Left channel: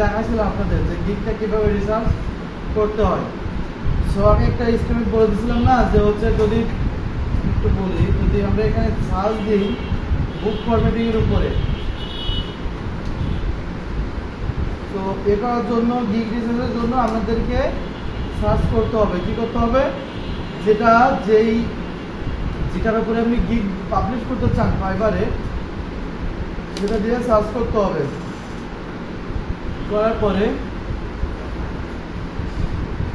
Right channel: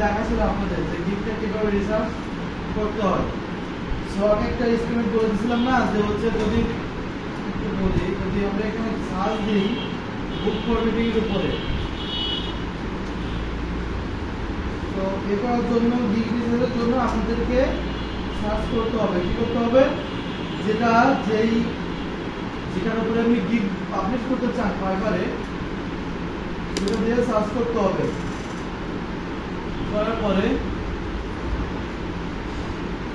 দেখাইছিলাম আপনাদের যে গিগটা কিভাবে রিসার্চ করতে হয়। সো আমি একটা এস্টিমেট বলে দিয়েছিলাম না যে হচ্ছে যদি একটু বলি, যদি আমরা এখানে সার্চ দিই বুক ফরম্যাটিং এর উপরে, তো এ করার জন্য গিগ রিসার্চের জন্য আমাদেরকে সার্চ করতে হবে। কি করতে হবে? যেটার উপরে আপনি গিগ পাবলিশ করতে চান ফাইবারে, সেটা দিয়ে সার্চ করতে হবে। করার পরে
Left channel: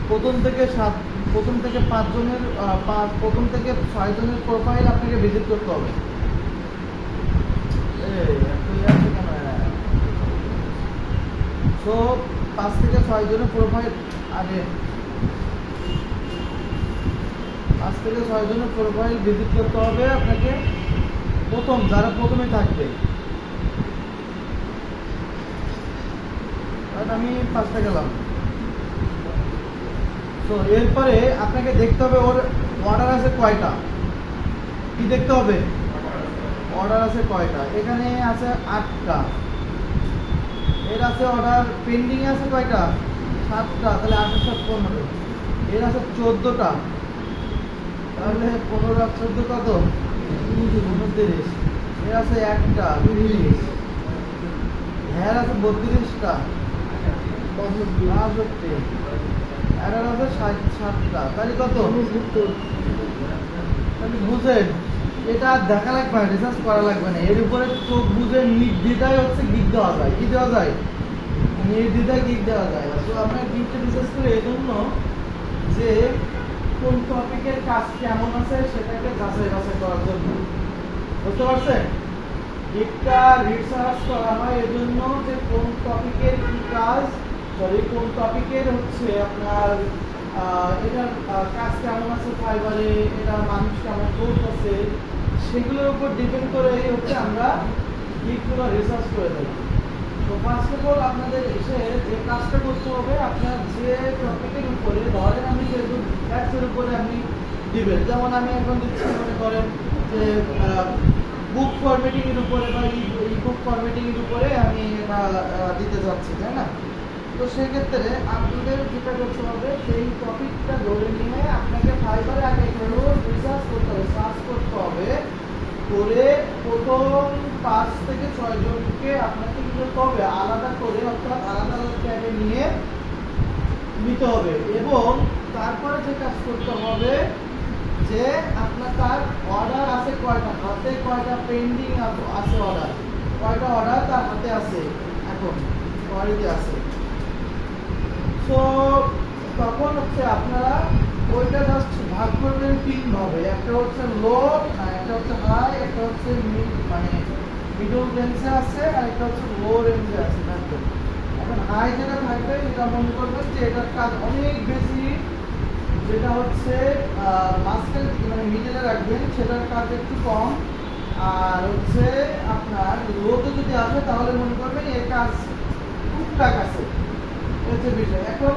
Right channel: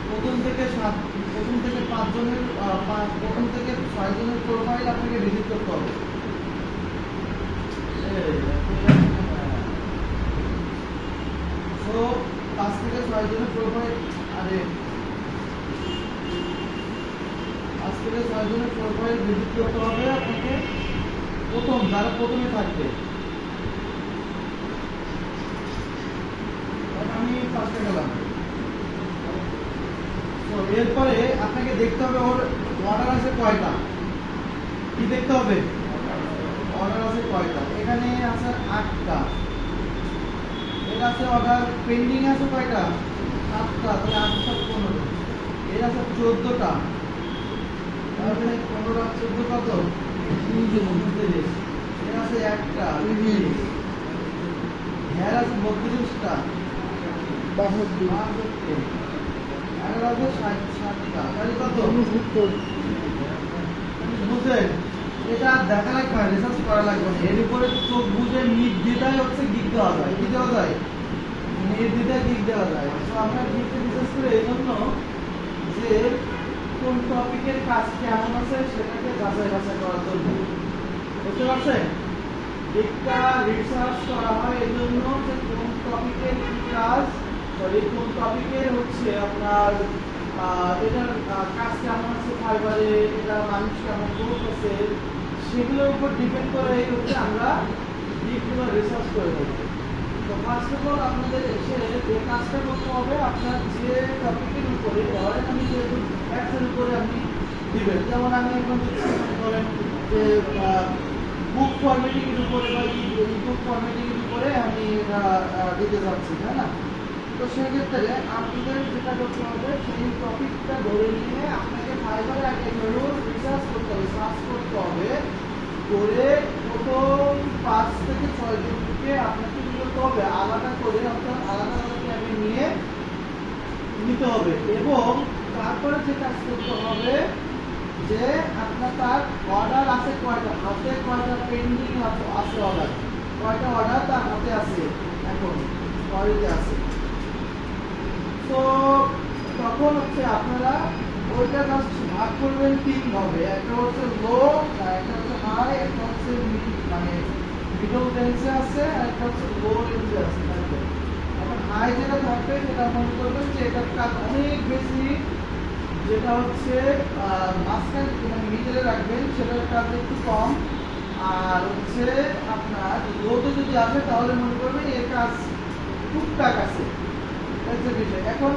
প্রথম থেকে 5 জনের প্রথম থেকে 6 জনের প্রোফাইল আপনাকে ভিজিট করতে হবে। তো 5 থেকে 6 জনের প্রোফাইল, 5 থেকে 6 জনের প্রোফাইল ভিজিট করতে হবে আপনাকে। যারা প্রথমে থাকবে, আমি ফার্স্টে গেলাম। তো এরপরে আপনাকে দেখতে হবে ওর অর্ডার আছে কয়টা। কি দেখতে হবে? অর্ডার আছে কয়টা। এখানে আছে 8টা। এর আছে অর্ডার পেন্ডিং আছে কয়টা? 7টা। তাহলে 8 + 15। এর আছে 14টা। তাহলে 15 আর 14 কত? 29। এর আছে 1টা 20। হ্যাঁ আছে 32টা 62। আর হবে 7টা। তাহলে কত? বুঝেন? এটা দেখা লাগবে না, রিসার্চ করা লাগবে না। এর উপরে চোখ বুঝে নির্দ্বিধায় হচ্ছে গিগ দেওয়া যায়। কি দেওয়া যায়? নির্দ্বিধায় গিগ দেওয়া যায়। তো আমরা গিগটা রিসার্চ করে এই জন্য যে কোন টপিকের কাজ কেমন আছে সেটাকে যাচাই বাছাই করার জন্য। বুঝতে পারছেন? গিগটা রিসার্চ করা হয় এই জন্য যে কোন টপিকের কি কাজ, কোন টপিকের হচ্ছে আপনার এটার কাজ কেমন আছে ফাইবারে, এটা মানুষ কেমন করতেছে, সেগুলোর উপর ডিপেন্ড করে হচ্ছে আমরা গিগগুলো রিসার্চ করে থাকি। তো ফার্স্ট অফ অল আপনাদের এসে যে কাজটা করতে হবে, আপনার যে টপিকের উপরে, ধরেন আমি যেহেতু অ্যাপসের উপরে আপনি দিবেন, যেমন আমি এখন দিচ্ছি মনে করেন যে বুক ফরম্যাটিং এর উপরে বা বুক ফরম্যাটিং এর উপরে আমি এটা দিতে যাচ্ছি, তাই না? তো সেক্ষেত্রে আপনাদের যেটা করতে হবে, সেই টপিকটা ধরে নিয়ে আপনাকে ফাইবারে আগে একটু রিসার্চ করতে হবে, সার্চ করতে হবে। করে প্রথম 5 থেকে 6 জনকে আপনাকে কি করতে হবে? আলাদা করে অর্থাৎ আলাদা আলাদা ট্যাবে নিতে হবে। এবং তারপরে যে কাজ করতে হবে যে আপনার তার অর্ডার আছে কয়টা, হাতে কয়টা পেন্ডিং আছে, অর্ডার কয়টা, অর্ডার তার হাতে আছে, এখন অর্ডারে আছে। তো তখন হচ্ছে আপনারা ওইটা জাস্ট ভাগ করবেন 3 ভাবে। একটা হচ্ছে লো, একটা হচ্ছে হাই, একটা হচ্ছে মানে মিডল রেঞ্জে আছে, আর একটা হচ্ছে লো রেঞ্জে আছে। এখন হাই যেটা থাকবে সেটা মনে করবেন যে এটার কাজ অনেক বেশি, যেটা হচ্ছে মাঝখানে মানে মিডলে রাখবেন সেটার কাজ একটু কম। আর হচ্ছে আপনার লোতে যদি আসে তাহলে মনে করবেন এর কাজ টুকটাক আছে। এখন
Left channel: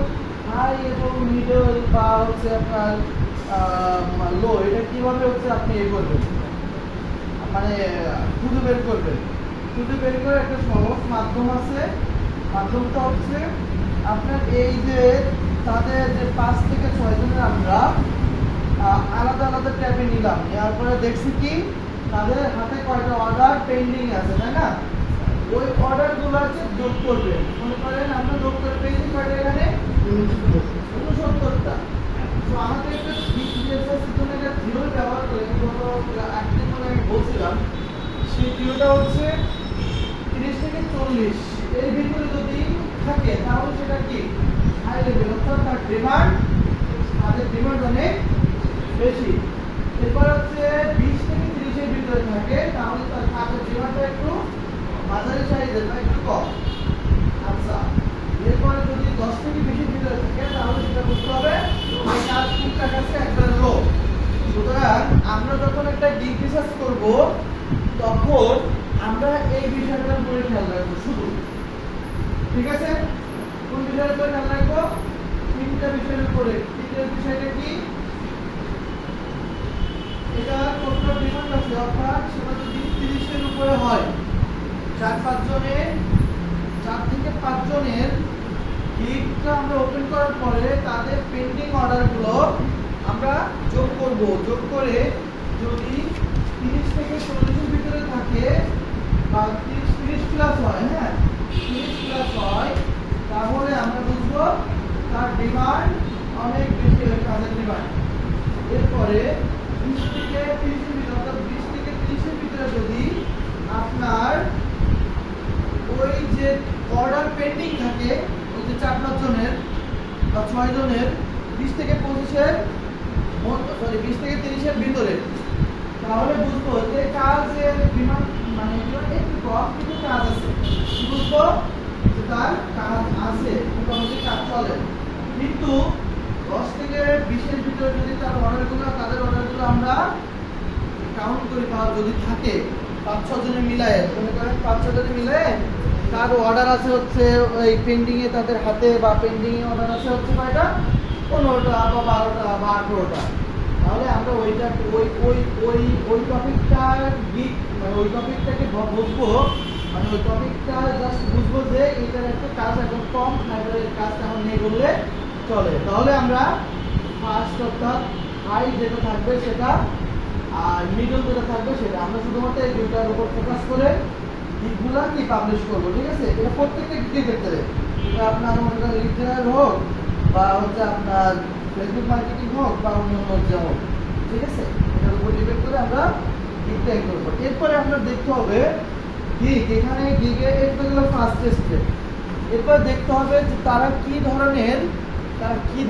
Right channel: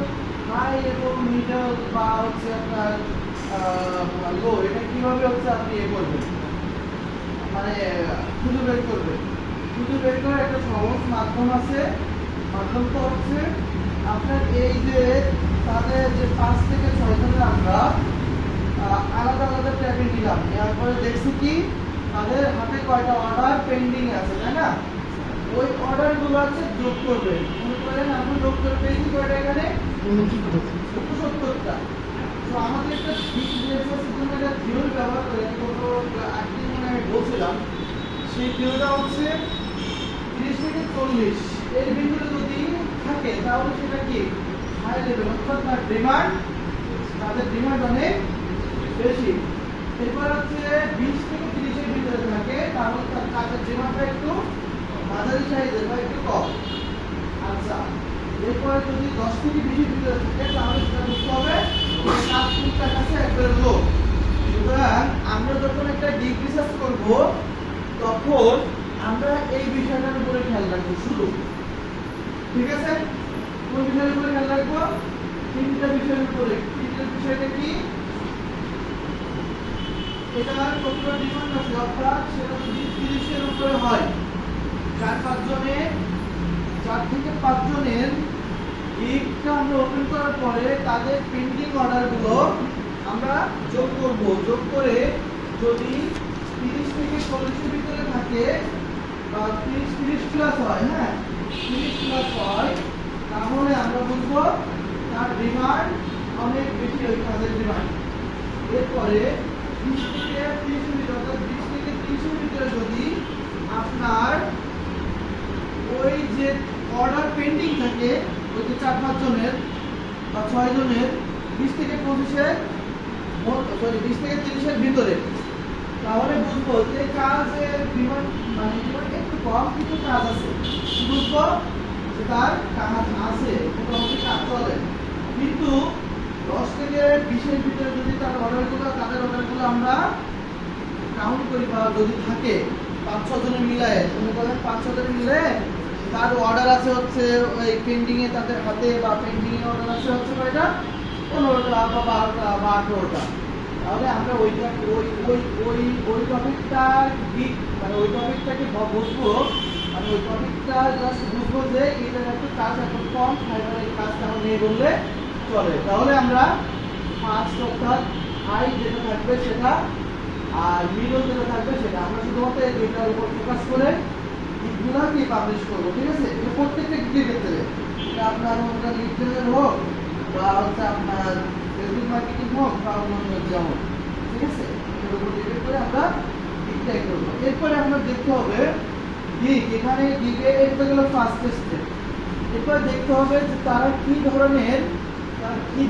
হাই এবং মিডল বা হচ্ছে আপনার লো, এটা কিভাবে হচ্ছে আপনি করবেন, মানে খুঁজে বের করবেন। খুঁজে বের করার একটা সহজ মাধ্যম আছে। মাধ্যমটা হচ্ছে আপনার এই যে তাদের যে 5 থেকে 6 জনের আমরা আলাদা আলাদা ট্যাবে নিলাম, নেওয়ার পরে দেখছি কি তাদের হাতে কয়টা অর্ডার পেন্ডিং আছে, তাই না? ওই অর্ডারগুলো হচ্ছে যোগ করবেন। মনে করেন আমরা যোগ করে পেয়েছি কয়টা, এখানে 69টা। তো আমাদের একটা ঠিক দিয়েছে, সেখানে একটা থিওরি ব্যবহার করে কোনো একদিন মানে আমি বলছিলাম, সেই থিওরিটা হচ্ছে 30 থেকে 40 এর ভিতরে যদি থাকে তাহলে সেটা কি হাই লেভেল, অর্থাৎ তার ডিমান্ড, তাদের ডিমান্ড অনেক বেশি। এরপর হচ্ছে 20 থেকে 30 এর ভিতরে থাকে তাহলে তার কাজের ডিমান্ডটা একটু মাঝারি সাইজের বা একটু কম। আচ্ছা, এরপরে যদি 10 থেকে 20 এর ভিতরে থাকে তাহলে সেটা বুঝতে হবে কাজ টুকটাক আছে, একটা লো। সুতরাং আমরা যখন একটা গিগ রিসার্চ করব তখন আমরা এই বিষয়টার উপরে খেয়াল রাখবো শুধু। ঠিক আছে? কোন বিষয়ের উপরে খেয়াল রাখবো? 3টা বিষয়ের উপরে। 3টা বিষয়টা কি? এটা কতটা ডিমান্ড আছে, অর্থাৎ সেটা যদি 30 এর উপরে হয়, 4-5 জনে 4 থেকে 5 জনের গিগটা আমরা ওপেন করার পরে তাদের পেন্ডিং অর্ডারগুলো আমরা যোগ করব। যোগ করে যদি 30 থেকে 40 এর ভিতরে থাকে বা 30 প্লাস হয়, হ্যাঁ 30 প্লাস হয়, তাহলে আমরা বুঝবো তার ডিমান্ড অনেক বেশি, ওই কাজের ডিমান্ড। এরপরে 20 থেকে 30 এর ভিতরে, অর্থাৎ 20 থেকে 30 এর ভিতরে যদি আপনার ওই যে অর্ডার পেন্ডিং থাকে, ওই যে 4-5 জনের বা 6 জনের 20 থেকে 25 এর, সরি 20 থেকে 30 এর ভিতরে, তাহলে বুঝবো যে কাজের ডিমান্ড মানে একটু কম কিন্তু কাজ আছে। বুঝবো যে তার কাজ আছে, মোটামুটি কাজ চলে। কিন্তু 10 থেকে 20 এর ভিতরে যদি তাদের অর্ডারগুলো আমরা কাউন্ট করি বা যদি থাকে 5-6 জনের মিলায়, মনে করেন 5-6 জনের মিলায় তার অর্ডার আছে হচ্ছে ওই পেন্ডিং এ, তাদের হাতে বা পেন্ডিং এ অর্ডার আছে হচ্ছে কয়টা, 15টা বা 12টা বা 18টা, তাহলে আমরা ওইটা ওই টপিকটা গিগ মানে ওই টপিকটাকে বুঝবো, মানে ওই টপিকটা জাস্ট বুঝবো যে এটার একটা কাজ এখন কম, তারপরে কাজটা এখন নিয়ে করলে চলে। তাহলে আমরা ফার্স্ট অর্থাৎ হাই যেটা থাকবে সেটা আর মিডল যেটা থাকবে সেটা আমরা শুধুমাত্র এই দুইটার উপর ফোকাস করে গিগগুলো কি পাবলিশ করবো, ঠিক আছে? এটা প্রত্যেকটা গিগের ক্ষেত্রে, এটা আপনার লিড জেনারেল হোক বা হচ্ছে আপনার ফেসবুক মার্কেটিং হোক বা অন্যান্য যা হোক, ঠিক আছে? এটার উপর ডিপেন্ড করে আমরা গিগটা করবো। এরপরে আপনার দেখতে হবে গিগ, এখানে গিগে এটা হলো ফার্স্ট স্টেপ। এরপর দেখতে হবে যে তারা কি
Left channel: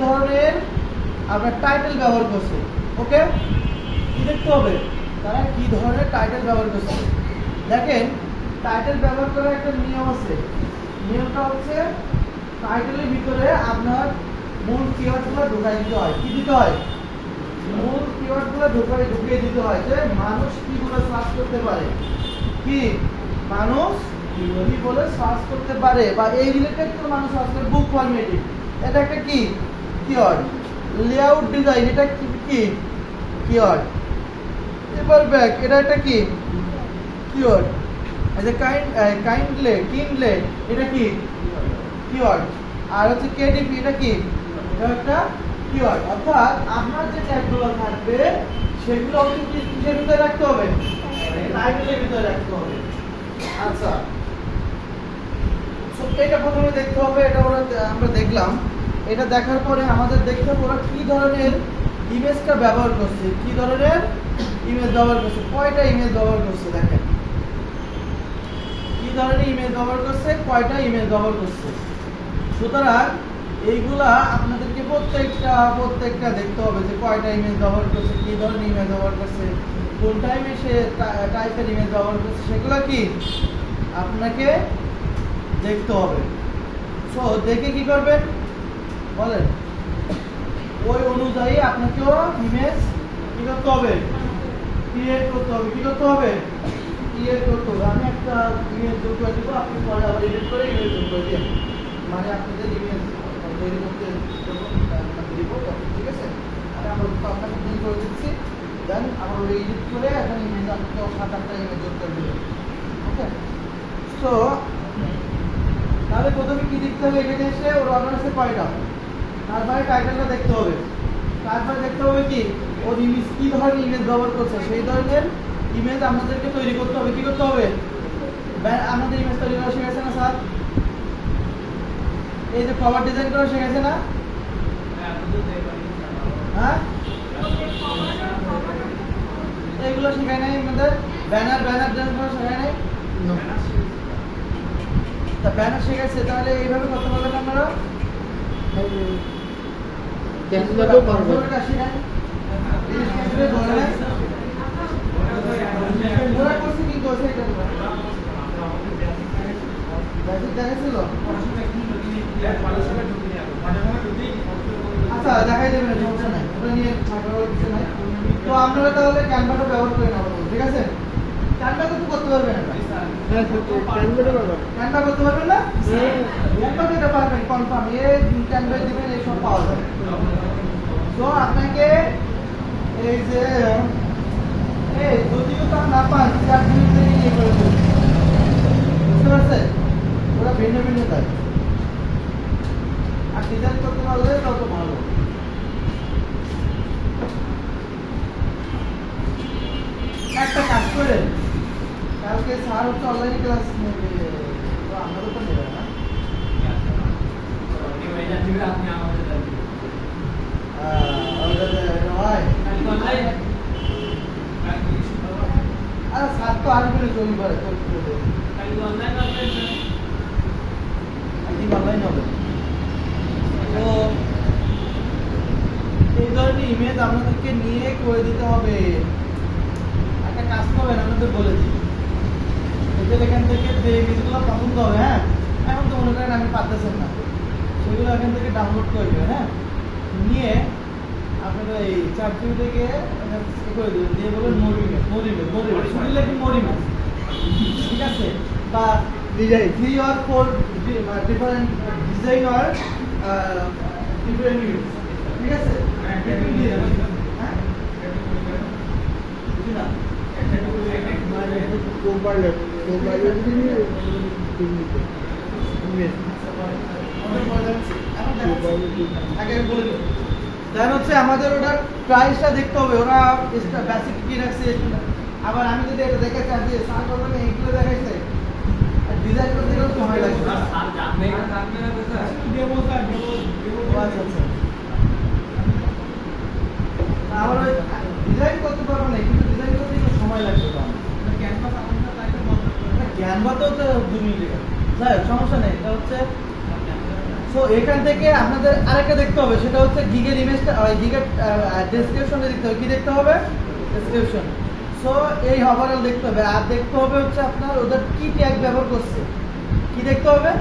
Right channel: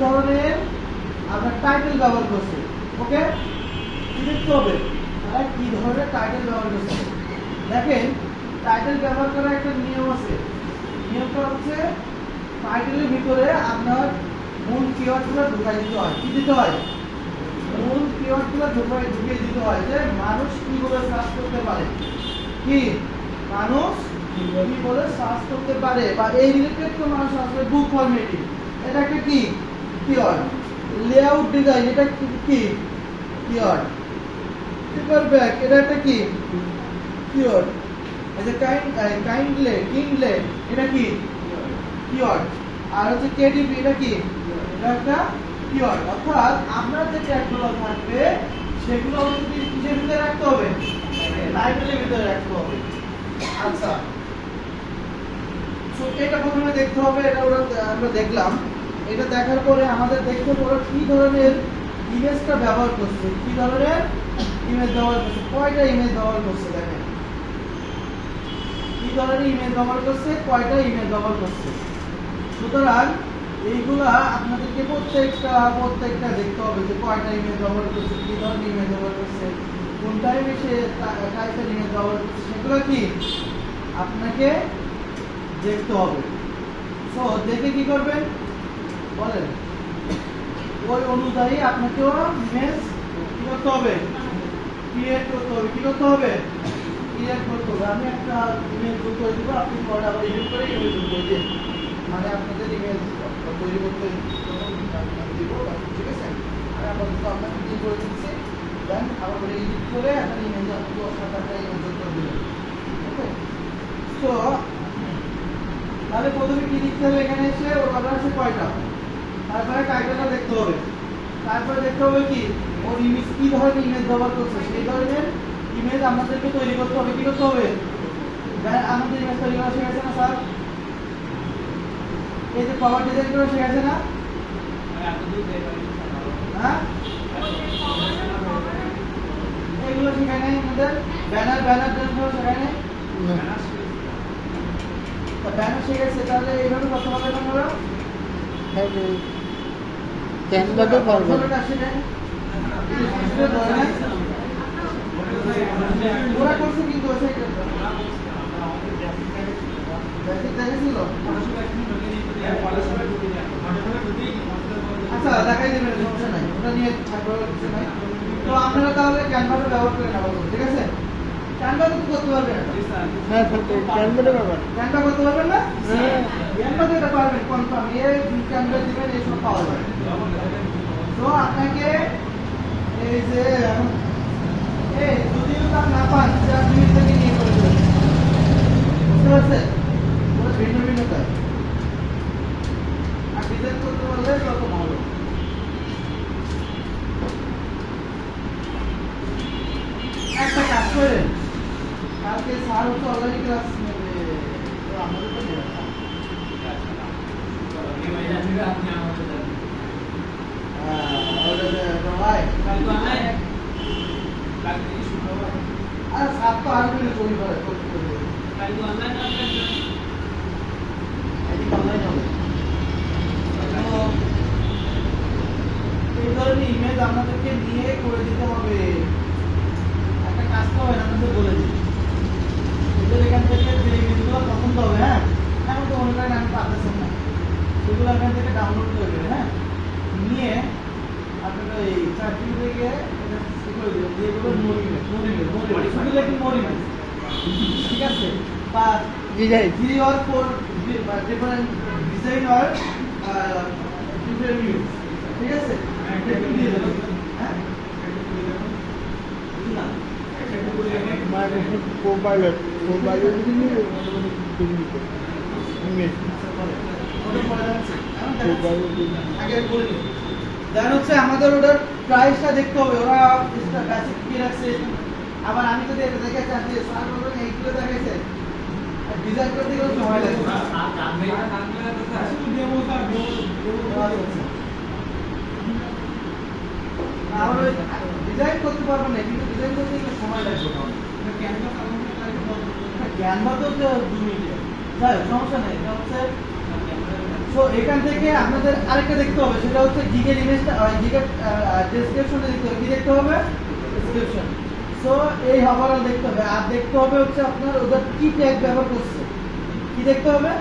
ধরনের আপনার টাইটেল ব্যবহার করছে। ওকে, কি দেখতে হবে তারা কি ধরনের টাইটেল ব্যবহার করছে। দেখেন টাইটেল ব্যবহার করার একটা নিয়ম আছে। নিয়মটা হচ্ছে টাইটেলের ভিতরে আপনার মূল কিওয়ার্ডগুলো ঢুকাই দিতে হয়। কি দিতে হয়? মূল কিওয়ার্ডগুলো ঢুকিয়ে দিতে হয় যে মানুষ কিগুলো সার্চ করতে পারে, কি মানুষ কি বলে সার্চ করতে পারে বা এই রিলেটেড তো মানুষ আসলে বুক ফরম্যাটিং, এটা একটা কি কিওয়ার্ড। লেআউট ডিজাইন, এটা কি কিওয়ার্ড। পেপার ব্যাগ, এটা একটা কি কিওয়ার্ড। এই যে কিনলে এটা কি কিওয়ার্ড। আর হচ্ছে কেডিপি, এটা কি, এটা একটা কিওয়ার্ড। অর্থাৎ আপনার যে ট্যাগগুলো থাকবে সেগুলো কিসের ভিতরে রাখতে হবে? টাইটেলের ভিতরে রাখতে হবে। আচ্ছা, এটা প্রথমে দেখতে হবে, এটা আমরা দেখলাম। এটা দেখার পরে আমাদের দেখতে হবে ওরা কি ধরনের ইমেজটা ব্যবহার করছে, কি ধরনের ইমেজ ব্যবহার করছে, কয়টা ইমেজ ব্যবহার করছে। দেখেন কি ধরনের ইমেজ ব্যবহার করছে, কয়টা ইমেজ ব্যবহার করছে। সুতরাং এইগুলা আপনাদেরকে প্রত্যেকটা দেখতে হবে যে কয়টা ইমেজ ব্যবহার করছে, কি ধরনের ইমেজ ব্যবহার করছে, কোন টাইমে সে টাইপের ইমেজ ব্যবহার করছে, সেগুলো কি আপনাকে দেখতে হবে। সো দেখে কি করবেন বলেন, ওই অনুযায়ী আপনাকেও ইমেজ কি করতে হবে, ক্রিয়েট করতে হবে। কি করতে হবে? ক্রিয়েট করতে হবে। আমি একটা ইমেজ তৈরি করে দিব, আপনি পরে আবার এডিট করে ইমেজ তৈরি করে দিন, মানে আপনাদের ইমেজ তৈরি করতে দিব, ঠিক আছে? আর আমরা আপনাকে তৈরি করে দিচ্ছি, দেন আমাদের এডিট করে এখন ইমেজ আপনাকে 7-8টা ইমেজ যোগ করে দেবেন। ওকে, সো তাহলে প্রথমে কি লিখতে হবে? এখানে এসে ওর অর্ডার আছে কয়টা, তারপরে টাইটেলটা দেখতে হবে, তারপরে দেখতে হবে কি ওর ইমেজ, কি ধরনের ইমেজ ব্যবহার করছে, সেই ধরনের ইমেজ আমাদেরকে তৈরি করতে হবে। কি করতে হবে? আমাদের ইমেজ তৈরি করা শিখেছে না স্যার? এই যে কভার ডিজাইন করা শিখেছে না? হ্যাঁ, এগুলো শেখায় নাই আমাদের? ব্যানার ডিজাইন করা শেখায় নাই? ব্যানার শিখেছে, তাহলে এইভাবে কথা বলবেন আপনারা। ওরা করছে কিন্তু আচ্ছা দেখাই দেবেন, সমস্যা নাই, ওটা নিয়ে কিছু নাই। তো আপনারা তাহলে ক্যানভাটা ব্যবহার করে নেওয়া, ঠিক আছে? ক্যানভা তো করতে পারবেন না? ক্যানভা করতে পারবেন না? ক্যানভা দিতে পারবেন কনফার্ম, ক্যানভা দিবেন, এইসব পাওয়া যায়। তো আপনাকে এই যে যদি না পান 4 মিনিট নিয়ে করে দেবেন, বুঝতে পারছেন? ওরা ভিন্ন ভিন্ন কাজ, আর ডিজাইন করতে পারলে তত ভালো। একটা কাজ করেন, কালকে স্যার হচ্ছে অনলাইন ক্লাস নেবে, আমাদের তো নেবে না। আরে স্যার তো আগে করে তৈরি করে করতে হবে, অনলাইন হবে। তো এই ধরনের ইমেজ আপনাদেরকে নিয়ে করে দিতে হবে। একটা কাজ করবেন, আমাদের বলে দিই, এদের এখান থেকে যে ইমেজগুলো পছন্দ হবে, হ্যাঁ এখন তো মনে করেন আমি পাচ্ছেন না, সেগুলো এখান থেকে ডাউনলোড করে দেবেন। হ্যাঁ, নিয়ে আপনারা এই চার্টটি থেকে করে দেবেন, দিয়ে দেবেন মোর ইমেজ, শুধু লেখেন মোর ইমেজ, ঠিক আছে? বা ডিজাইন 3 or 4 ডিফারেন্ট ডিজাইন আর ডিফারেন্ট ইমেজ, ঠিক আছে? দিয়ে দেবেন। হ্যাঁ, বুঝুন না মানে মোবাইলে যদি দেন হচ্ছে আমাদের ওটার প্রাইসটা দেখতে হবে, ওরা বেসিক কি রাখছে। আবার আমি যদি এটা দেখে চাই যে স্যার বলবেন এইগুলো দেখাইছে, ডিজাইন করতে গেলে সময় লাগবে। আবার ডিজাইন করতে পারবো না, কিন্তু ডিজাইন করতে গেলে সময় লাগবে। ক্যানভা তো 2 মিনিট, স্যার সমস্যা নেই। এটা হচ্ছে তো এখান থেকে আপনাদের আরেকটা দেখতে হবে, সেটা হচ্ছে গিগের ইমেজটা, গিগের ডেসক্রিপশনটা দেখতে হবে। কি দেখতে হবে? ডেসক্রিপশন। সো এই ওভারঅল দেখতে হবে, আর দেখতে হবে হচ্ছে আপনার ওদের কি ট্যাগ ব্যবহার করছে। কি দেখতে হবে?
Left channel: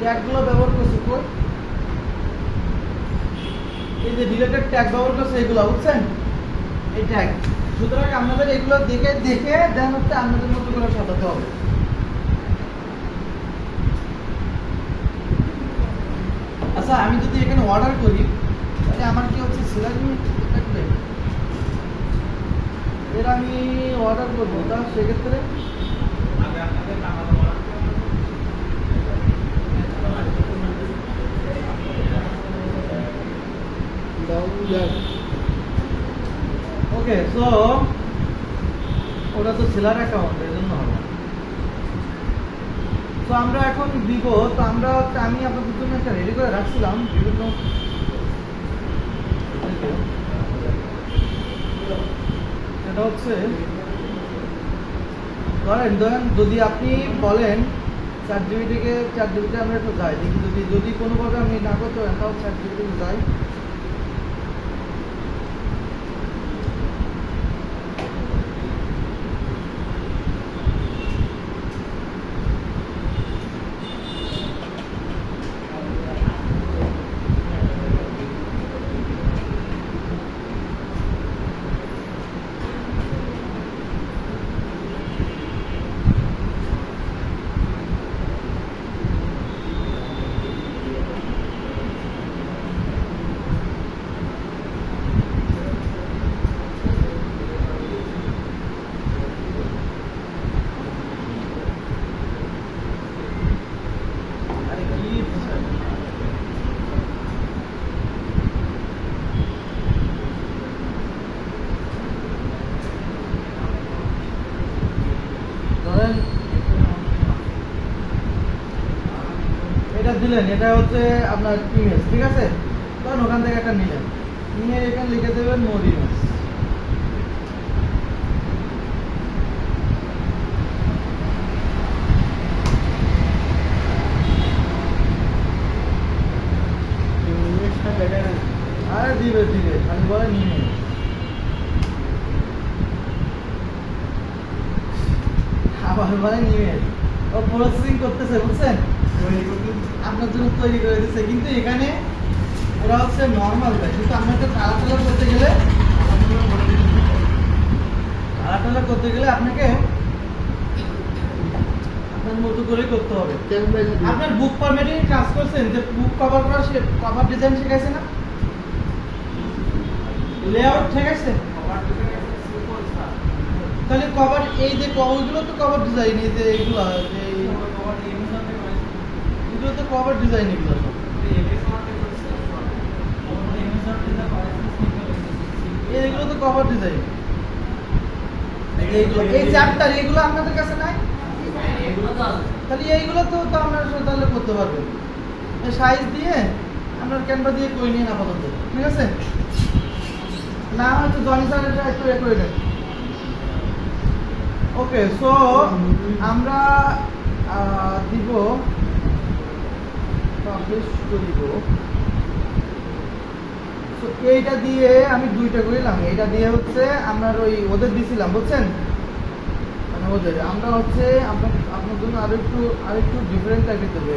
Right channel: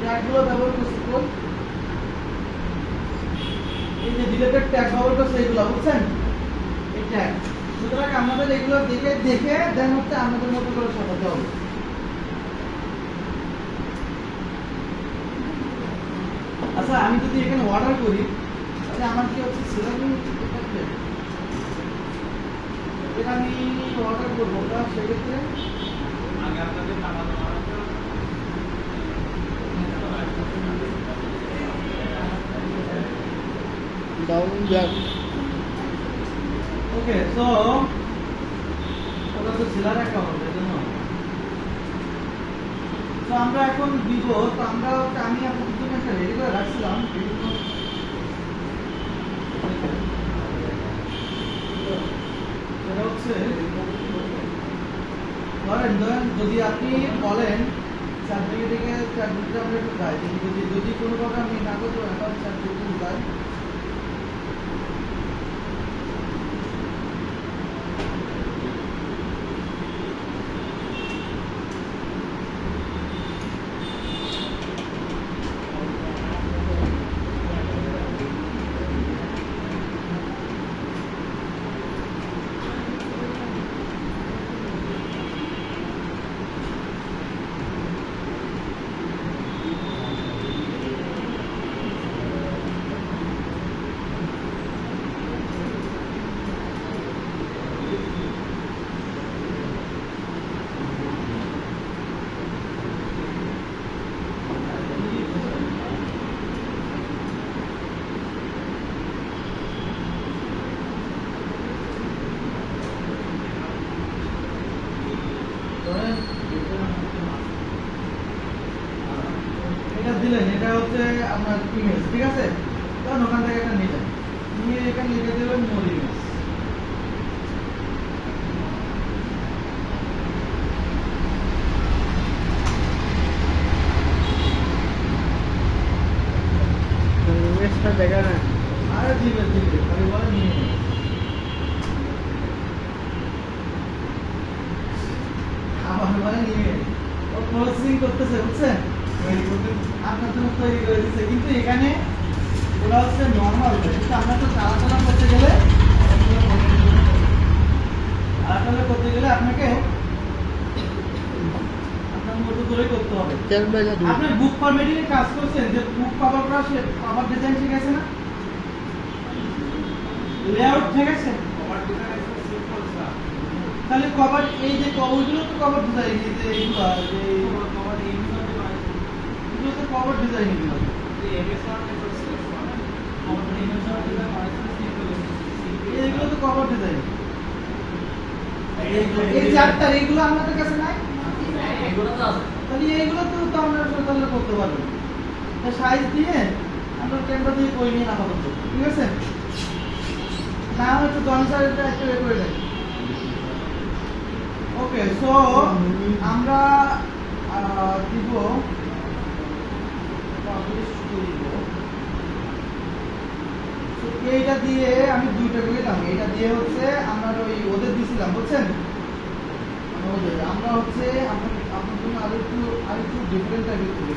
ট্যাগগুলো ব্যবহার করছে কই, এই যে রিলেটেড ট্যাগ ব্যবহার করছে এগুলো, বুঝছেন? এই ট্যাগ। সুতরাং আমাদের এগুলো দেখে দেন হচ্ছে আমাদের মতো করে সাজাতে হবে। আচ্ছা, আমি যদি এখানে অর্ডার করি, তাহলে আমার কি হচ্ছে সেলাই এটা আমি অর্ডার করবো না, সেক্ষেত্রে ওকে। সো ওটা তো সেলার অ্যাকাউন্ট, এই জন্য তো আমরা এখন দিব। তো আমরা আমি আপনাদের জন্য একটা রেডি করে রাখছিলাম বিভিন্ন, এটা হচ্ছে ধরেন যদি আপনি বলেন চ্যাটজিপিটি আমরা একটু যাই, যদি কোনোভাবে আমি না করতে পারেন তাহলে চ্যাটজিপিটি যাই। এটা দিলেন, এটা হচ্ছে আপনার ইমেজ, ঠিক আছে? তখন ওখান থেকে একটা নিলেন, নিয়ে এখানে লিখে দেবেন মোর ইমেজ। আরে দিবে খালি বলে নিয়ে আমার মানে নিয়ে ও প্রসেসিং করতেছে, বুঝছেন? আপনার জন্য তৈরি করে দিচ্ছে, কিন্তু এখানে ওরা হচ্ছে নর্মাল, কিন্তু আমরা তো চালাচালা করতে গেলে আপনাকে আপনার মতো করে করতে হবে। আপনি বুক ফরম্যাটিং কাজ করছেন, যে বুক কভার করা কভার ডিজাইন শিখাইছে না, লেআউট ঠিক আছে? তাহলে কভার এই যে ওইগুলো তো কভার ডিজাইন, এই যে এইগুলো কভার এগুলো তো কভার ডিজাইন এগুলো এইগুলো তো কভার ডিজাইন এই চারটা এইগুলো আপনাদের কাছে নাই তাহলে এইগুলো তো আপনারা তাহলে করতে পারবেন সাইজ দিয়ে আপনার ক্যামেরা দিয়ে কই নিয়ে আপাতত ঠিক আছে না হচ্ছে জনি স্যারেরটা একটু এ করে দেন ওকে সো আমরা দিব এইটা দিয়ে আমি দুইটা করিলাম এটা দিয়ে হচ্ছে আমার ওই ওদের দিছিলাম বুঝছেন ওদের আমরা হচ্ছে আপনার জন্য আরেকটু ডিফারেন্ট টাইপের করবো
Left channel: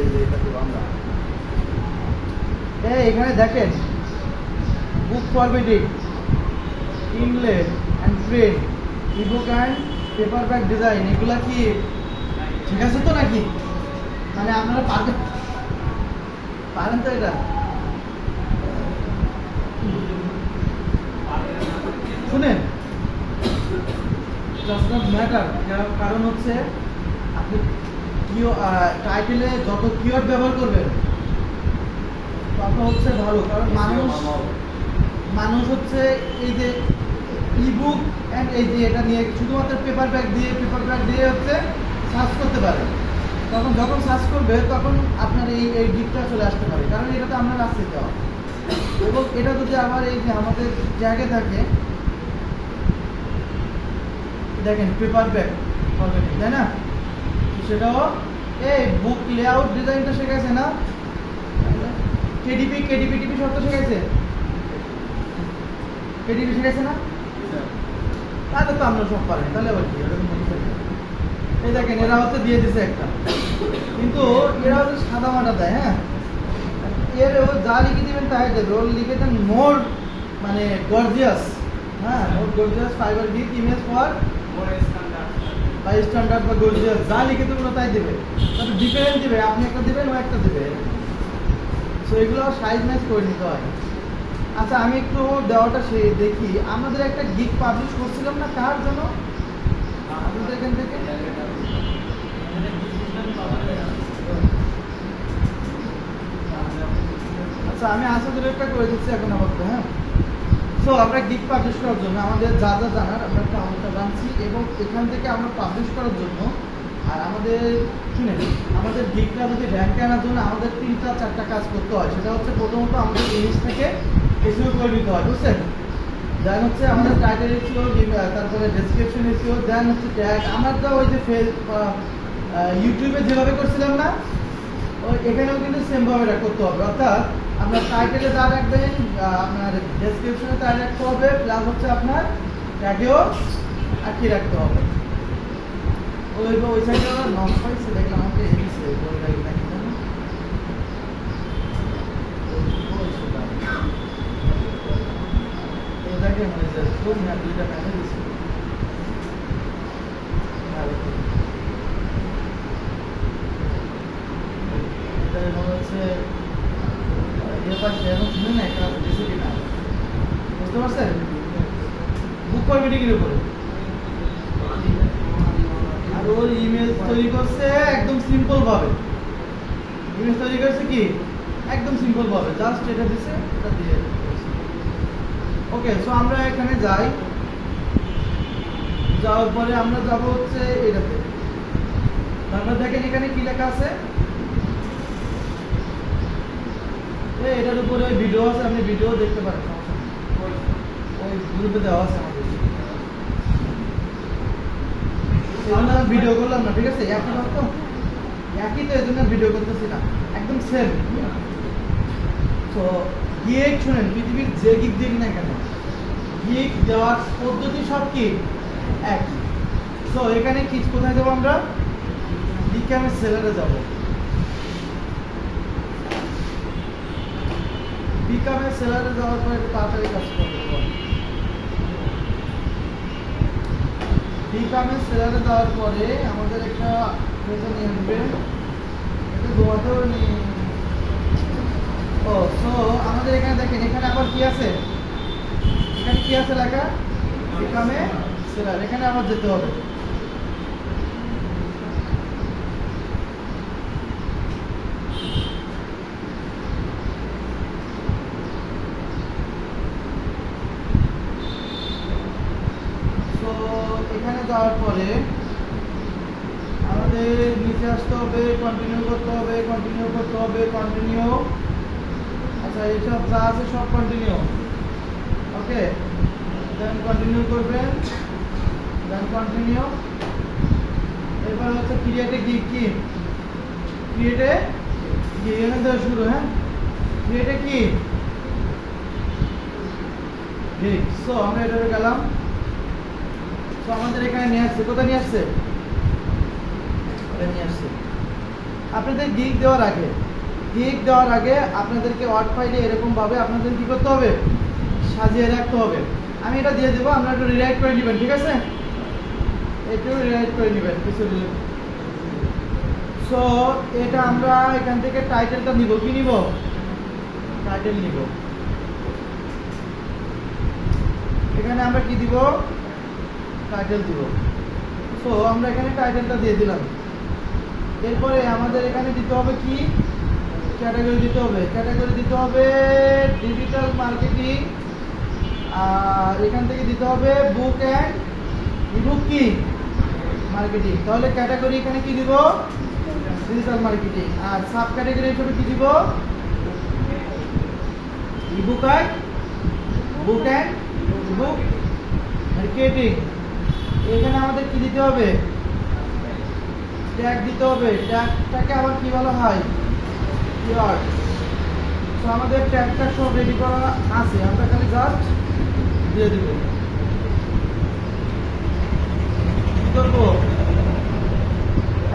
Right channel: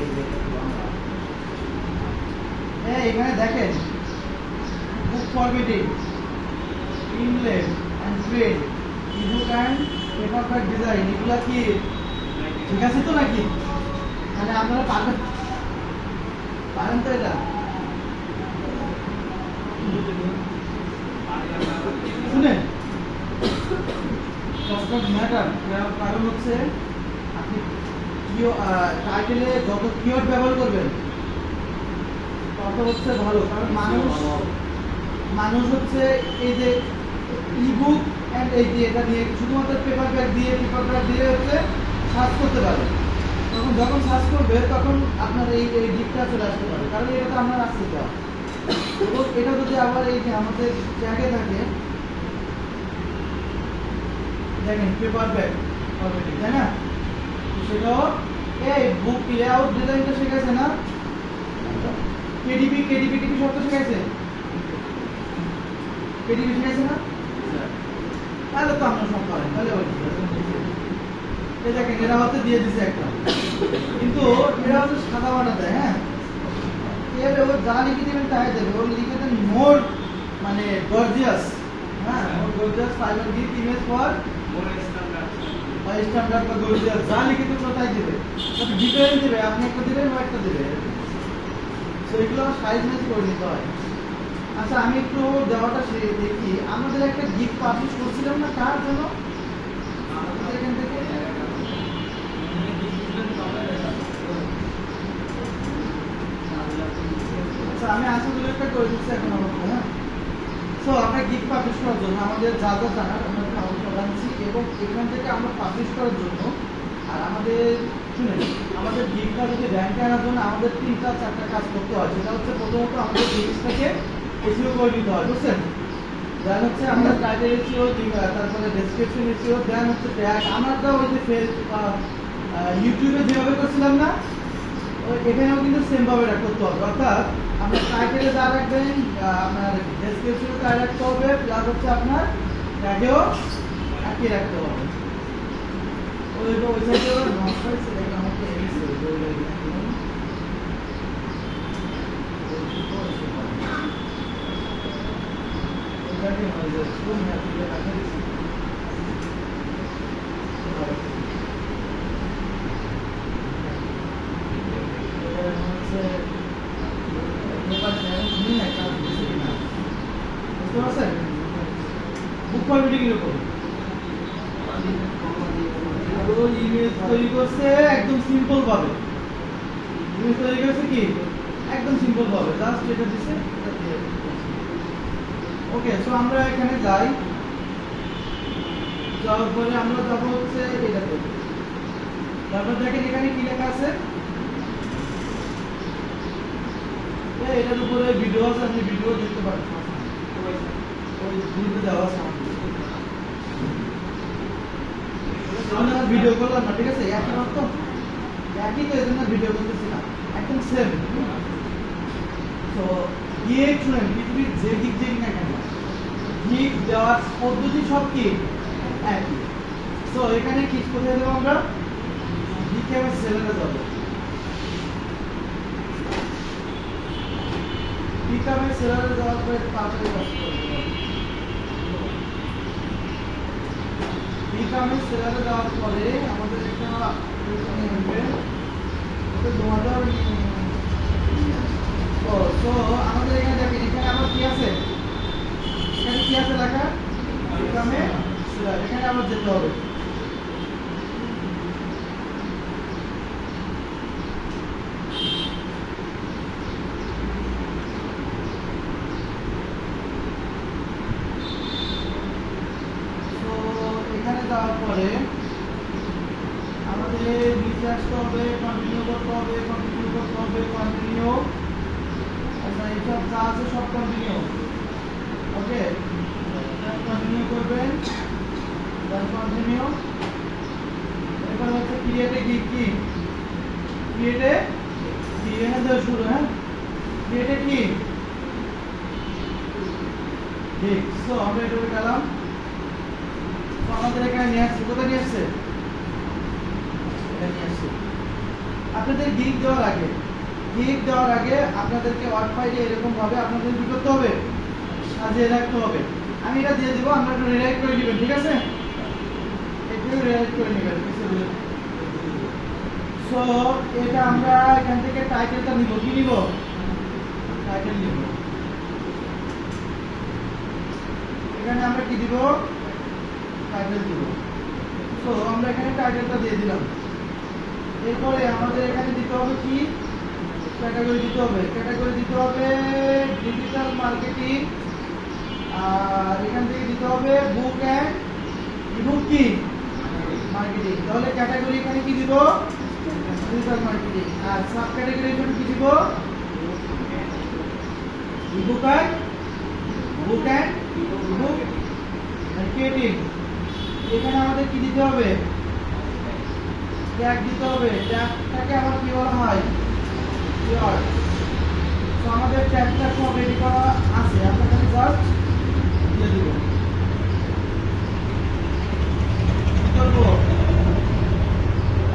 এখানে দেখেন বুক ফরম্যাটিং ইনলেট and print ebook and paperback design এগুলা কি ঠিক আছে তো নাকি মানে আপনারা পারেন তো এটা শুনেন কারণ হচ্ছে আপনি টাইটেলে যত কিওয়ার্ড ব্যবহার করবেন তত হচ্ছে ভালো কারণ মানুষ হচ্ছে এই যে ইবুক এন্ড এই যে এটা নিয়ে শুধুমাত্র পেপার ব্যাগ দিয়ে হচ্ছে সার্চ করতে পারে তখন যখন সার্চ করবে তখন আপনার এই দিকটা চলে আসতে পারে কারণ এটা তো আপনার আসতে যাওয়া এবং এটা যদি আবার এই যে আমাদের জায়গায় থাকে দেখেন পেপার ব্যাগ তাই না সেটাও এই বুক লেআউট ডিজাইনটা শিখেছে না কেডিপি শব্দ শিখেছে কেডিপি শিখেছে না তাহলে তো আমরা সব পারি তাহলে আবার কি এই দেখেন এরা হচ্ছে দিয়ে দিছে একটা কিন্তু এরা হচ্ছে সাদা মাটা দেয় হ্যাঁ এর যা লিখে দেবেন তাই দেবে ও লিখে দেন মোর মানে গর্জিয়াস হ্যাঁ more gorgeous fibre deep image for standard বা গর্জিয়াস যা লিখে দেবেন তাই দেবে তবে ডিফারেন্ট দেবে আপনি একটা দেবেন ও একটা দেবে সো এগুলো সাইজ ম্যাচ করে নিতে হয় আচ্ছা আমি একটু দেওয়াটা দেখি আমাদের একটা গিগ পাবলিশ করছিলাম না কার জন্য আমাদের এখান থেকে আচ্ছা আমি আশা করি একটা করে দিচ্ছি এখন আমাকে হ্যাঁ সো আমরা গিগ পাবলিশ করার জন্য আমাদের যা জানার আমরা একটা আমন্ত্রণ জানছি এবং এখান থেকে আমরা পাবলিশ করার জন্য আর আমাদের শুনেন আমাদের গিগটা যদি র্যাঙ্কে আনার জন্য আমাদের 3-4টা কাজ করতে হয় সেটা হচ্ছে প্রথমত আমাদের পেজটাকে এসইও করে নিতে হয় বুঝছেন দেন হচ্ছে আমাদের টাইটেল এসইও তারপরে ডেসক্রিপশন এসইও দেন হচ্ছে ট্যাগ আমরা তো ওই যে ইউটিউবে যেভাবে করছিলাম না ওই এখানেও কিন্তু সেম ভাবে করতে হবে অর্থাৎ আমরা টাইটেলে যা রাখবেন আপনার ডেসক্রিপশনে তাই রাখতে হবে প্লাস হচ্ছে আপনার ট্যাগেও একই রাখতে হবে ওই সাইডে আমার নক পাইছে দেখলাম আমাকে এসে এটাকে মনে হয় কোন ম্যাপটা দেখা দিচ্ছে এটা হচ্ছে পেপার যেমন শুনে না কাজ দিছে কিনা বুঝতে পারছেন বুক ফরম্যাটিং এর উপরে আর ওই ইমেজ তৈরি করছে একদম সিম্পল ভাবে ইমেজ তৈরি করছে কি একদম সিম্পল ভাবে জাস্ট এটা দিছে এটা দিয়ে ওকে সো আমরা এখানে যাই যাওয়ার পরে আমরা যাব হচ্ছে এটাতে তারপর দেখেন এখানে কি লেখা আছে এটার উপরে ভিডিও আছে আপনি ভিডিও দেখতে পারেন ওই গ্রুপে দেওয়া আছে আমরা ভিডিও করলাম না ঠিক আছে একই তো এজন্য ভিডিও করতেছি না একদম সেম তো গিগ শুনেন পৃথিবীর যে গিগ দেখি না কেন গিগ দেওয়ার পদ্ধতি সব কি একই তো এখানে কি কোথায় দেবো আমরা গিগকে আমি সেলারে যাবো বিকামের সেলারে যাওয়ার পরে তাড়াতাড়ি কাজ করতে হবে বিকামের সেলারে যাওয়ার পরে আমাদের একটা নিয়ে আসবে এটা জমাতে হবে তো আমাদের এখানে দেখেন এখানে আবার কি আছে এখানে কি আছে লেখা বিকামে সেলার এখানে আমার যেতে হবে কন্টিনিউ, আচ্ছা এইসব যা আছে সব কন্টিনিউ, ওকে দেন কন্টিনিউ করবেন, দেন কন্টিনিউ। এরপর হচ্ছে ক্রিয়েটে গিগ, কি ক্রিয়েটে গিগ এনে দেওয়া শুরু, হ্যাঁ ক্রিয়েটে কি গিগ। সো আমরা এটা গেলাম, তো আমাদের এখানে নিয়ে আসছে, কোথায় নিয়ে আসছে, এটা নিয়ে আসছে। আপনাদের গিগ দেওয়ার আগে আপনাদেরকে ওয়ার্ড ফাইলে এরকম ভাবে আপনাদের কি করতে হবে, সাজিয়ে রাখতে হবে। আমি এটা দিয়ে দেবো, আপনারা একটু রিরাইট করে নেবেন, ঠিক আছে, একটু রিরাইট করে নেবেন কিছু দিলে। সো এটা আমরা এখান থেকে টাইটেলটা নিব, কি নিব, টাইটেল নিব। এখানে আমরা কি দিব, টাইটেল দিব। সো আমরা এখানে টাইটেলটা দিয়ে দিলাম। এরপরে আমাদের এখানে দিতে হবে কি, ক্যাটাগরি দিতে হবে, ক্যাটাগরি দিতে হবে ডিজিটাল মার্কেটিং, আর এখান থেকে দিতে হবে বুক এন্ড ইবুক কি মার্কেটিং। তাহলে ক্যাটাগরি এখানে কি দিব, ডিজিটাল মার্কেটিং, আর সাব ক্যাটাগরি এখানে কি দিব, ebook and book and ebook marketing. এখানে আমাদের কি দিতে হবে, ট্যাগ দিতে হবে, ট্যাগটাকে আবার কি বলা হয়, কিওয়ার্ড। তো আমাদের ট্যাগটা সব রেডি করা আছে, আমরা এখানে জাস্ট দিয়ে দেব। তো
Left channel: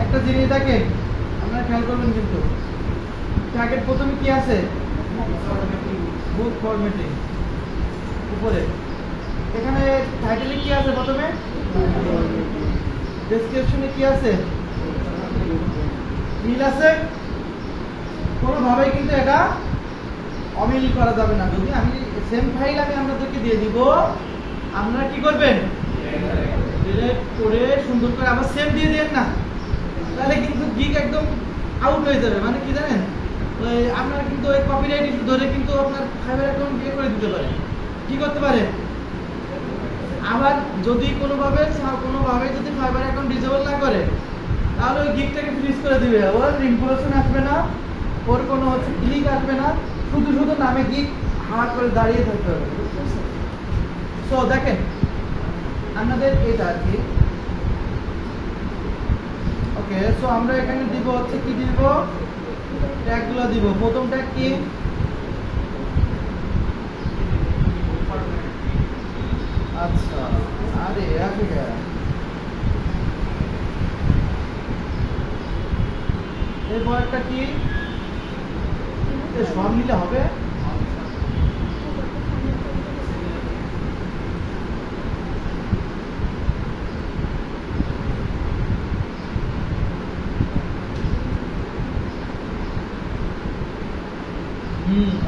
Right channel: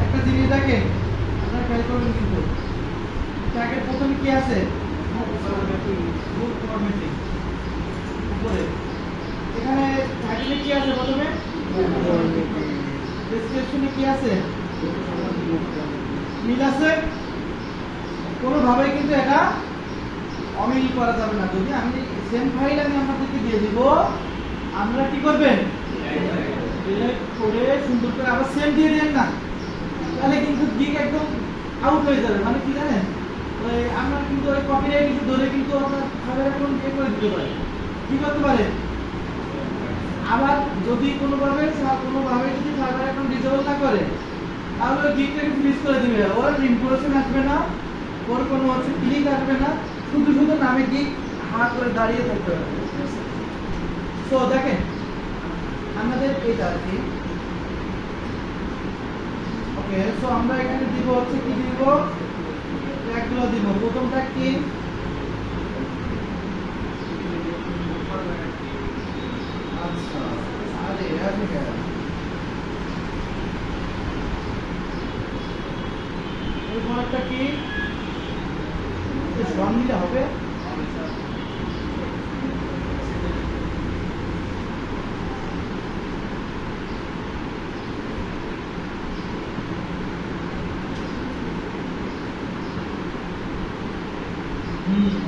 একটা জিনিস দেখেন, আপনারা খেয়াল করবেন কিন্তু ট্যাগের প্রথমে কি আছে, বুক ফরম্যাটিং উপরে। এখানে টাইটেলে কি আছে, প্রথমে ডেসক্রিপশনে কি আছে, মিল আছে, কোনোভাবে কিন্তু এটা অমিল করা যাবে না। যদি আমি সেম ফাইল আমি আপনাদেরকে দিয়ে দিব, আপনারা কি করবেন, ডিলিট করে সুন্দর করে আবার সেম দিয়ে দেন না, তাহলে কিন্তু গিগ একদম আউট হয়ে যাবে। মানে কি জানেন, ওই আপনারা কিন্তু ওই কপিরাইট ইস্যু ধরে কিন্তু আপনার ফাইবার অ্যাকাউন্ট বিয়ে করে দিতে পারে, কি করতে পারে। আবার যদি কোনোভাবে যদি ফাইবার অ্যাকাউন্ট ডিসেবল না করে, তাহলে ওই গিগটাকে ফ্রিজ করে দিবে, ওর ইনফরমেশন আসবে না, ওর কোনো হচ্ছে ক্লিক আসবে না, শুধু নামে গিগ হাঁ করে দাঁড়িয়ে থাকতে হবে। সো দেখেন আমাদের এটা আর কি, ওকে। সো আমরা এখানে দিব হচ্ছে কি দিব, ট্যাগগুলো দিব। প্রথম ট্যাগ কি, আচ্ছা আরে ঠিক আছে, এরপরটা কি, সব মিলে হবে,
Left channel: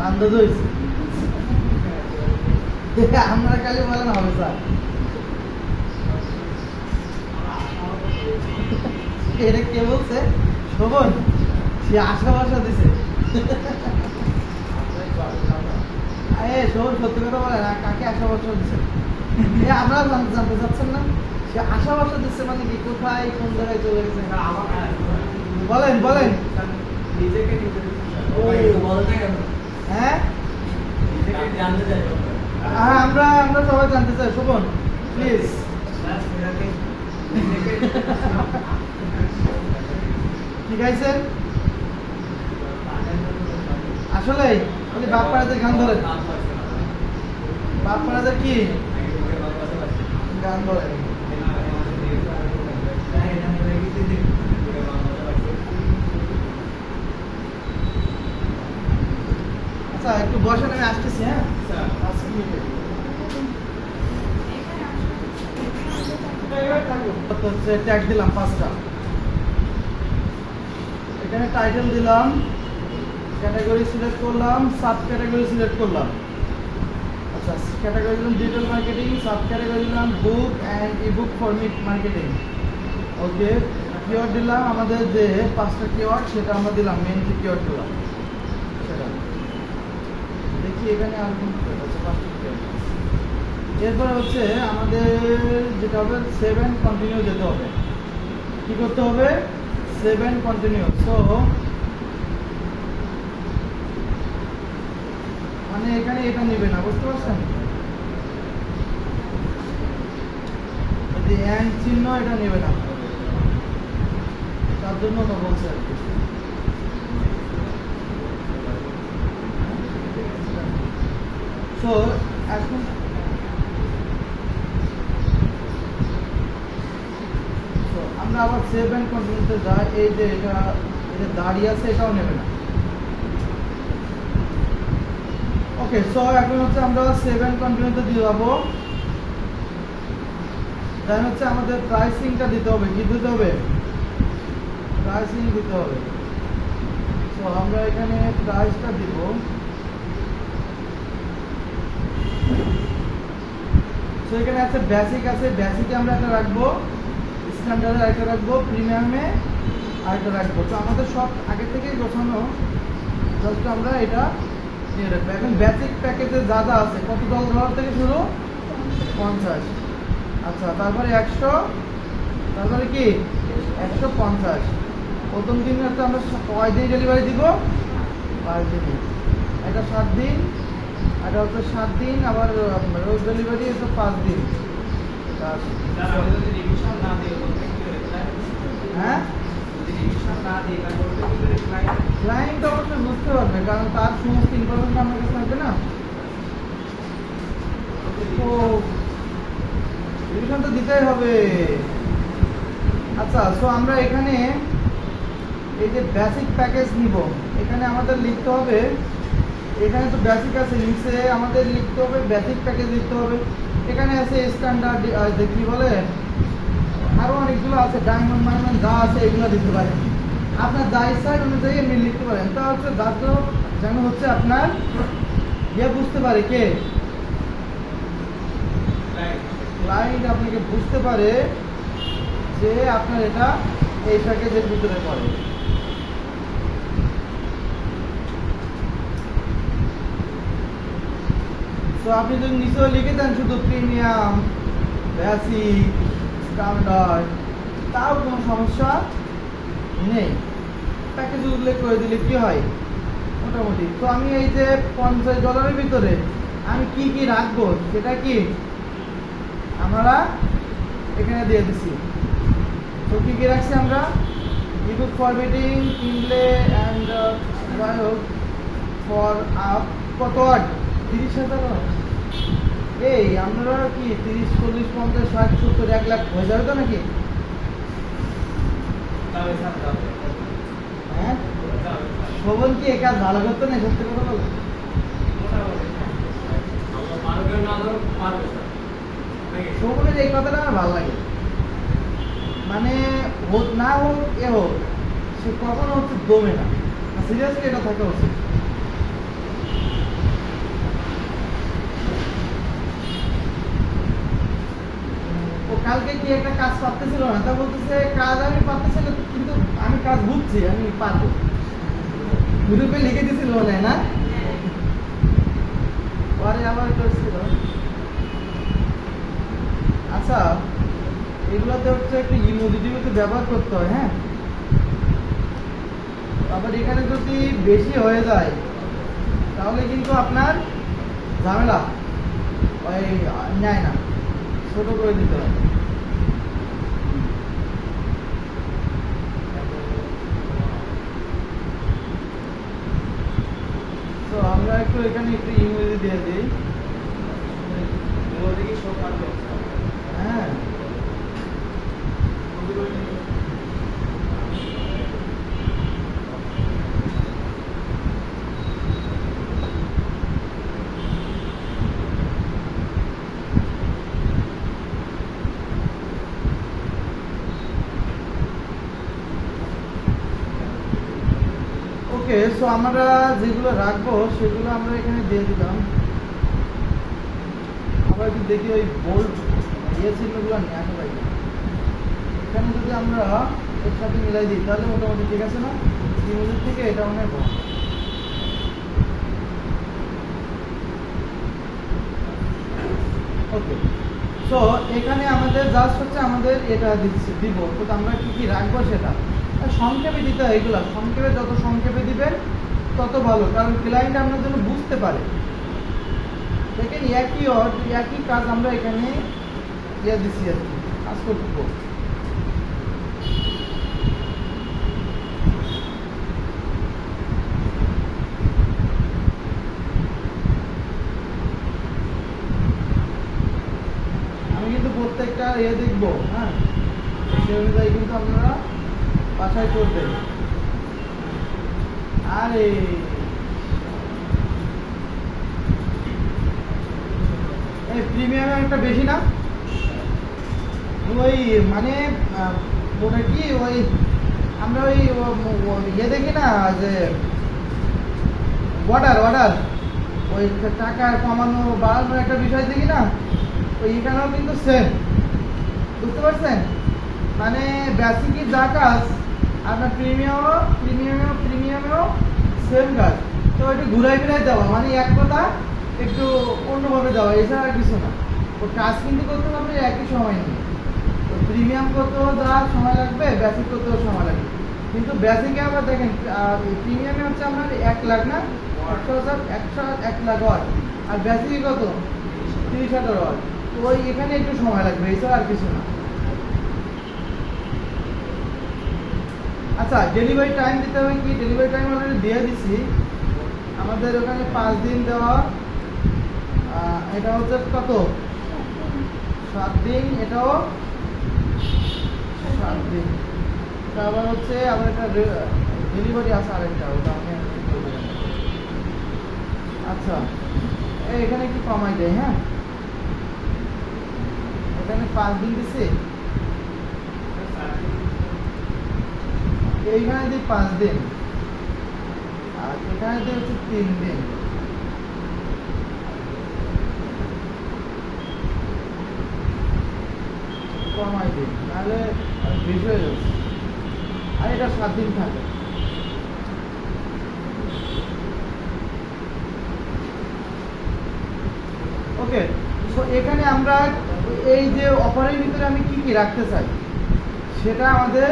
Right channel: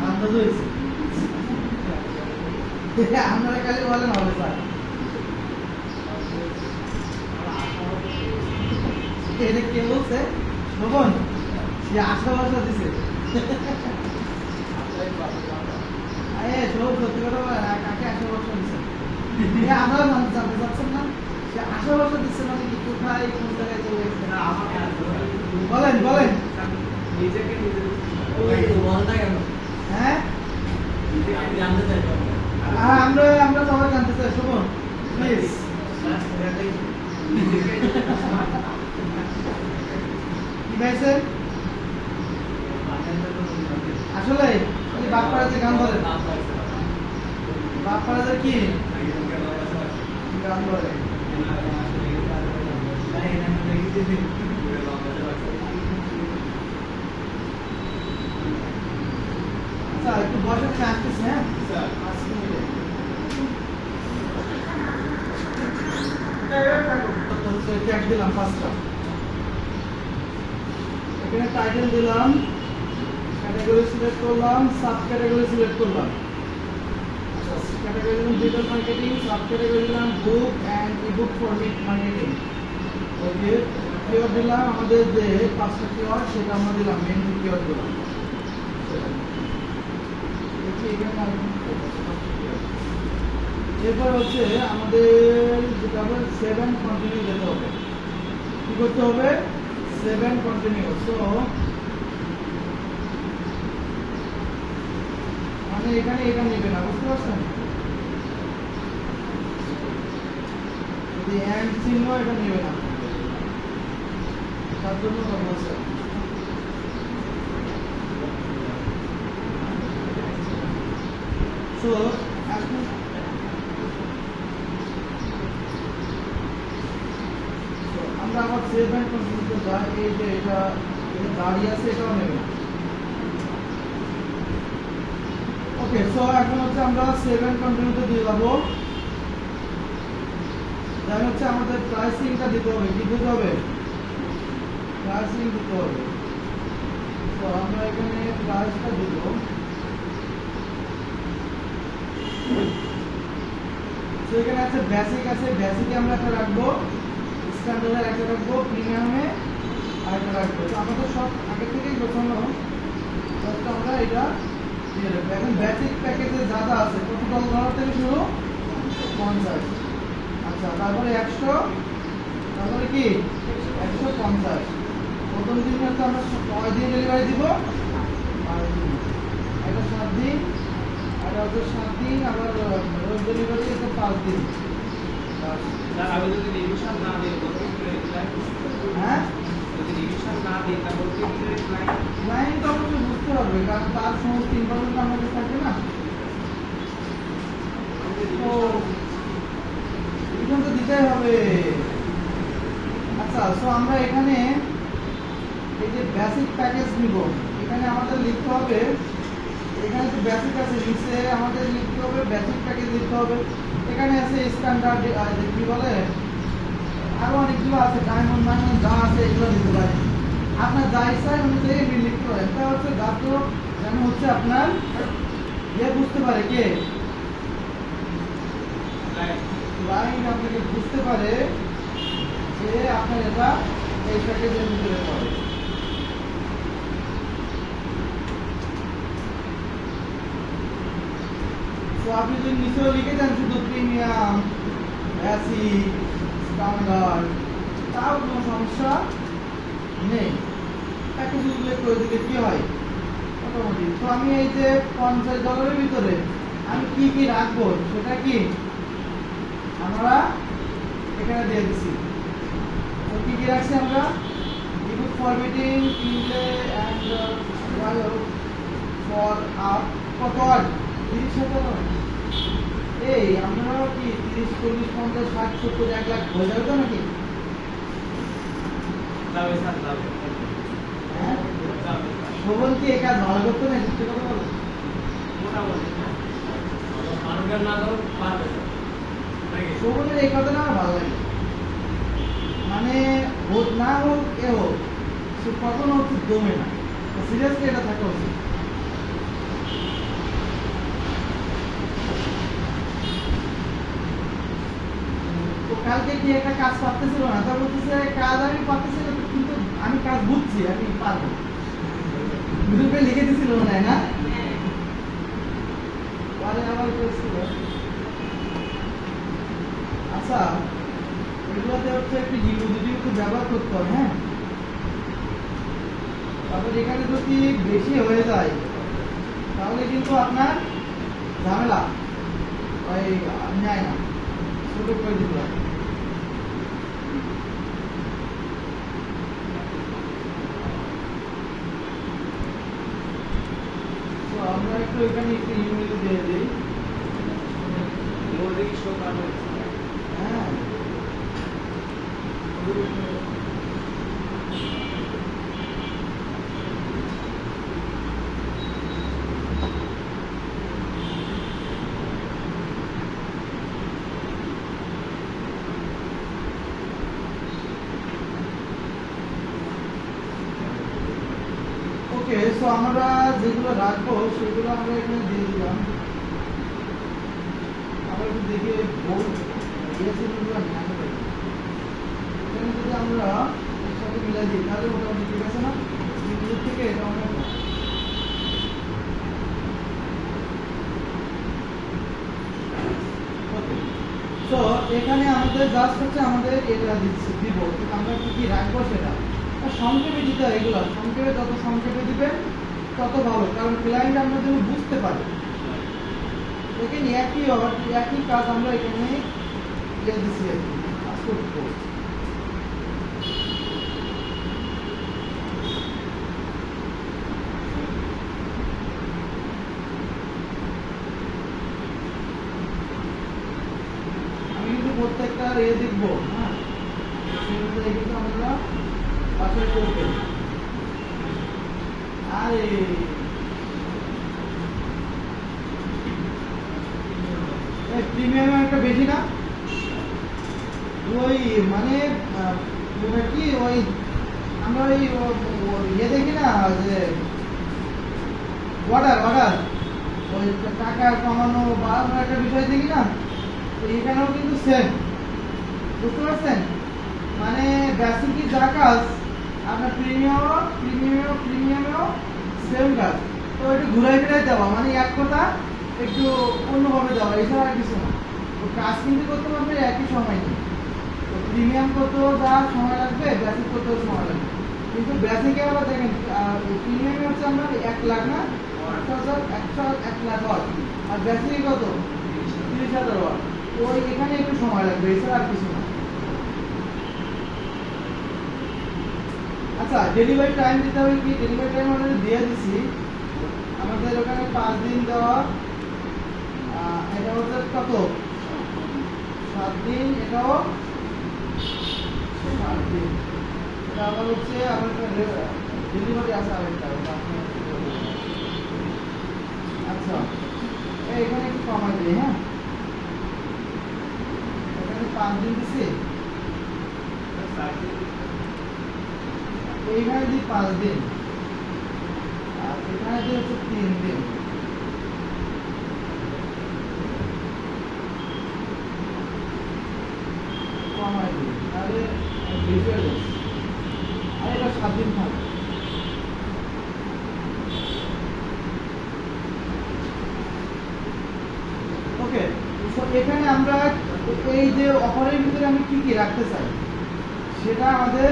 আন্দাজ হয়েছে। আমরা খালি বলেন হবে স্যার, এটা কে বলছে, শোভন, সে আশা ভরসা দিছে। শোভন সত্যি কথা বলে না, কাকে আশা ভরসা দিছে আমরা জানতে চাচ্ছেন না, সে আশা ভরসা দিচ্ছে মানে কি, কোথায় কোন জায়গায় চলে গেছে, বলেন বলেন। হ্যাঁ আমরা সবাই জানতে চাই, শোভন প্লিজ। কি খাইছেন আসলে, বাপপাড়াদের গান ধরে, বাপপাড়াদের কি গান ধরে, একটু বসে আমি আসতেছি। হ্যাঁ ট্যাগ দিলাম পাঁচটা, এখানে টাইটেল দিলাম, ক্যাটাগরি সিলেক্ট করলাম, সাব ক্যাটাগরি সিলেক্ট করলাম। আচ্ছা ক্যাটাগরি দিলাম ডিজিটাল মার্কেটিং, সাব ক্যাটাগরি দিলাম book and ebook format marketing, okay. Keyword দিলাম আমাদের যে পাঁচটা কিওয়ার্ড, সেটা আমরা দিলাম, মেইন কিওয়ার্ড দিলাম। দেখি এখানে এরপর হচ্ছে আমাদের যেটা হবে 7 কন্টিনিউ যেতে হবে। কি করতে হবে, 7 কন্টিনিউ। সো এখানে এটা নেবে না, বুঝতে পারছেন? এন্ড চিহ্ন এটা নেবে না, তার জন্য তো বলছে। সো এখন আমরা আবার সেভ এন্ড কন্টিনিউতে যাই। এই যে এটা দাঁড়িয়ে আছে, এটাও নেবে না। ওকে, সো এখন হচ্ছে আমরা সেভ এন্ড কন্টিনিউতে দিয়ে যাবো। দেন হচ্ছে আমাদের প্রাইসিংটা দিতে হবে। কি দিতে হবে? প্রাইসিং দিতে হবে। তো আমরা এখানে প্রাইসটা দিব। তো এখানে আছে বেসিক, আছে বেসিকে আমরা একটা রাখবো, স্ট্যান্ডার্ডে একটা রাখবো, প্রিমিয়ামে আরেকটা রাখবো। তো আমাদের সব আগে থেকেই গোছানো, জাস্ট আমরা এটা দিয়ে রাখবো। এখন বেসিক প্যাকেজে যা যা আছে, কত $10 থেকে শুরু? 50। আচ্ছা, তারপরে 100, তারপরে কি 150। প্রথম দিন হচ্ছে আমরা কয় দিন ডেলিভারি দিব? 5 দিন। এটা 7 দিন, এটা হচ্ছে 7 দিন, আবার রোজ ডেলিভারি হচ্ছে 5 দিন। হ্যাঁ, ক্লায়েন্ট অবশ্যই বুঝতে পারবে, কারণ তার সমস্ত ইনফরমেশন আমার কাছে থাকবে না। রিভিশন তো দিতেই হবে। আচ্ছা, সো আমরা এখানে এই যে বেসিক প্যাকেজ নিব, এখানে আমাদের লিখতে হবে, এখানে তো বেসিক আছে, নিচে আমাদের লিখতে হবে বেসিক প্যাকেজ লিখতে হবে। এখানে আছে স্ট্যান্ডার্ড, যে কি বলে আরো অনেকগুলো আছে, ডায়মন্ড মানে যা আছে এগুলো দিতে পারেন। আপনার যা ইচ্ছা অনুযায়ী আপনি লিখতে পারেন। তা হচ্ছে দাঁত যেন হচ্ছে আপনার ইয়ে বুঝতে পারে, কে ক্লায়েন্ট আপনাকে বুঝতে পারে যে আপনার এটা এই প্যাকেজের ভিতরে পড়ে। তো আপনি যদি নিচেও লিখে দেন শুধু প্রিমিয়াম, বেসিক, স্ট্যান্ডার্ড, তাও কোনো সমস্যা নেই। প্যাকেজ উল্লেখ করে দিলে কি হয় মোটামুটি। তো আমি এই যে $50 ভিতরে আমি কি কি রাখবো সেটা কি আমরা এখানে দিয়ে দিছি। তো কি কি রাখছি আমরা? ইবুক ফরম্যাটিং, কিনলে অ্যান্ড ফর আপ কত ওয়াট? 30,000। এই আমরা কি 30, 40, 50, 60, 70, 1 লাখ হয়ে যাবে তো নাকি? হ্যাঁ, শোভন কি একা ভালো করতো না? সত্যি কথা বলো। শোভনের এই কথাটা আমার ভালো লাগে, মানে হোক না হোক এ হোক, সে কখনো হচ্ছে দমে না। সিরিয়াসলি এটা থাকা উচিত। কালকে কি একটা কাজ পারতেছিল না, তা বলতেছে কাজ আমি পারতেছি না, কিন্তু আমি কাজ বুঝছি, আমি পারবো। গ্রুপে লিখে দিছিল না, না পরে আবার করছিল। আচ্ছা, এগুলোতে হচ্ছে একটু ইমোজি ব্যবহার করতে হয়। হ্যাঁ, আবার এখানে যদি বেশি হয়ে যায় তাহলে কিন্তু আপনার ঝামেলা, ওই নেয় না, ছোট করে দিতে হয়। তো আমরা একটু এখানে একটু ইংরেজি দিয়ে দিই। হ্যাঁ, ওকে। সো আমরা যেগুলো রাখবো সেগুলো আমরা এখানে দিয়ে দিলাম। আমরা একটু দেখি ওই বোল্ড দিয়েছিলগুলো নেওয়া পাই, এখানে যদি আমরা এর সাথে মিলাই দিই তাহলে মোটামুটি ঠিক আছে না? ইংরেজি থেকে এটা আমরা ওকে। সো এখানে আমাদের জাস্ট হচ্ছে আমাদের এটা দিব। তো আমরা কি কি রাখবো সেটা সংক্ষেপে দিতে হয়। এগুলো সংক্ষেপে, যত সংক্ষেপে দিবেন তত ভালো, কারণ ক্লায়েন্ট আমরা যেন বুঝতে পারে দেখেন একই কাজ আমরা এখানে দিচ্ছি আর কি, কাজ করবো। আমি কিন্তু প্রত্যেকটা দেখবো, হ্যাঁ, সেই অনুযায়ী কিন্তু আপনারা বাছাই করবেন। আরে প্রিমিয়াম একটা বেশি না, ওই মানে ওটা কি ওই আমরা ওই দেখি না যে অর্ডার ওই টাকা কমানো বাড়ানোর একটা বিষয় দেখি না, তো এখানেও কিন্তু সেম, বুঝতে পারছেন? মানে বেসিকই যা কাজ আপনার প্রিমিয়ামেও সেম কাজ, তো একটু ঘুরাই ফিরাই দেওয়া, মানে এক কথা একটু অন্যভাবে দেওয়া, এছাড়া আর কিছু না। তো কাজ কিন্তু করতে হবে একই সময় নেই, তো প্রিমিয়াম করতেও যা সময় লাগবে বেসিক করতেও সময় লাগবে, কিন্তু বেসিকে আমরা দেখেন প্রিমিয়ামে হচ্ছে আমার 1 লাখ না 1 লাখ ওয়াট, আর বেসিকে কত 30,000 ওয়াট, তো এখানে একটু সময় লাগবে, এছাড়া আর কিছু না। আচ্ছা, ডেলিভারি টাইম দিতে হবে কি? ডেলিভারি টাইম আমাদের দিয়ে দিচ্ছি, আমাদের ওখানে 5 দিন দেওয়া, এটা হচ্ছে কত 7 দিন, এটাও 7 দিন, এটা আবার হচ্ছে আমার একটা ডেলিভারি আছে আরেকটা। আচ্ছা, এখানে একটু কমাই দেয়, হ্যাঁ, এখানে 5 দিন দিচ্ছে, এইখানে দিই 5 দিন, আর এখানে দিই হচ্ছে 3 দিন। কমাই দিই, তাহলে বেশি হয়ে যাচ্ছে, আর এটা 7 দিন থাকে। ওকে, তো এখানে আমরা এই যে অফারের ভিতরে আমি কি কি রাখতে চাই সেটা আমাদের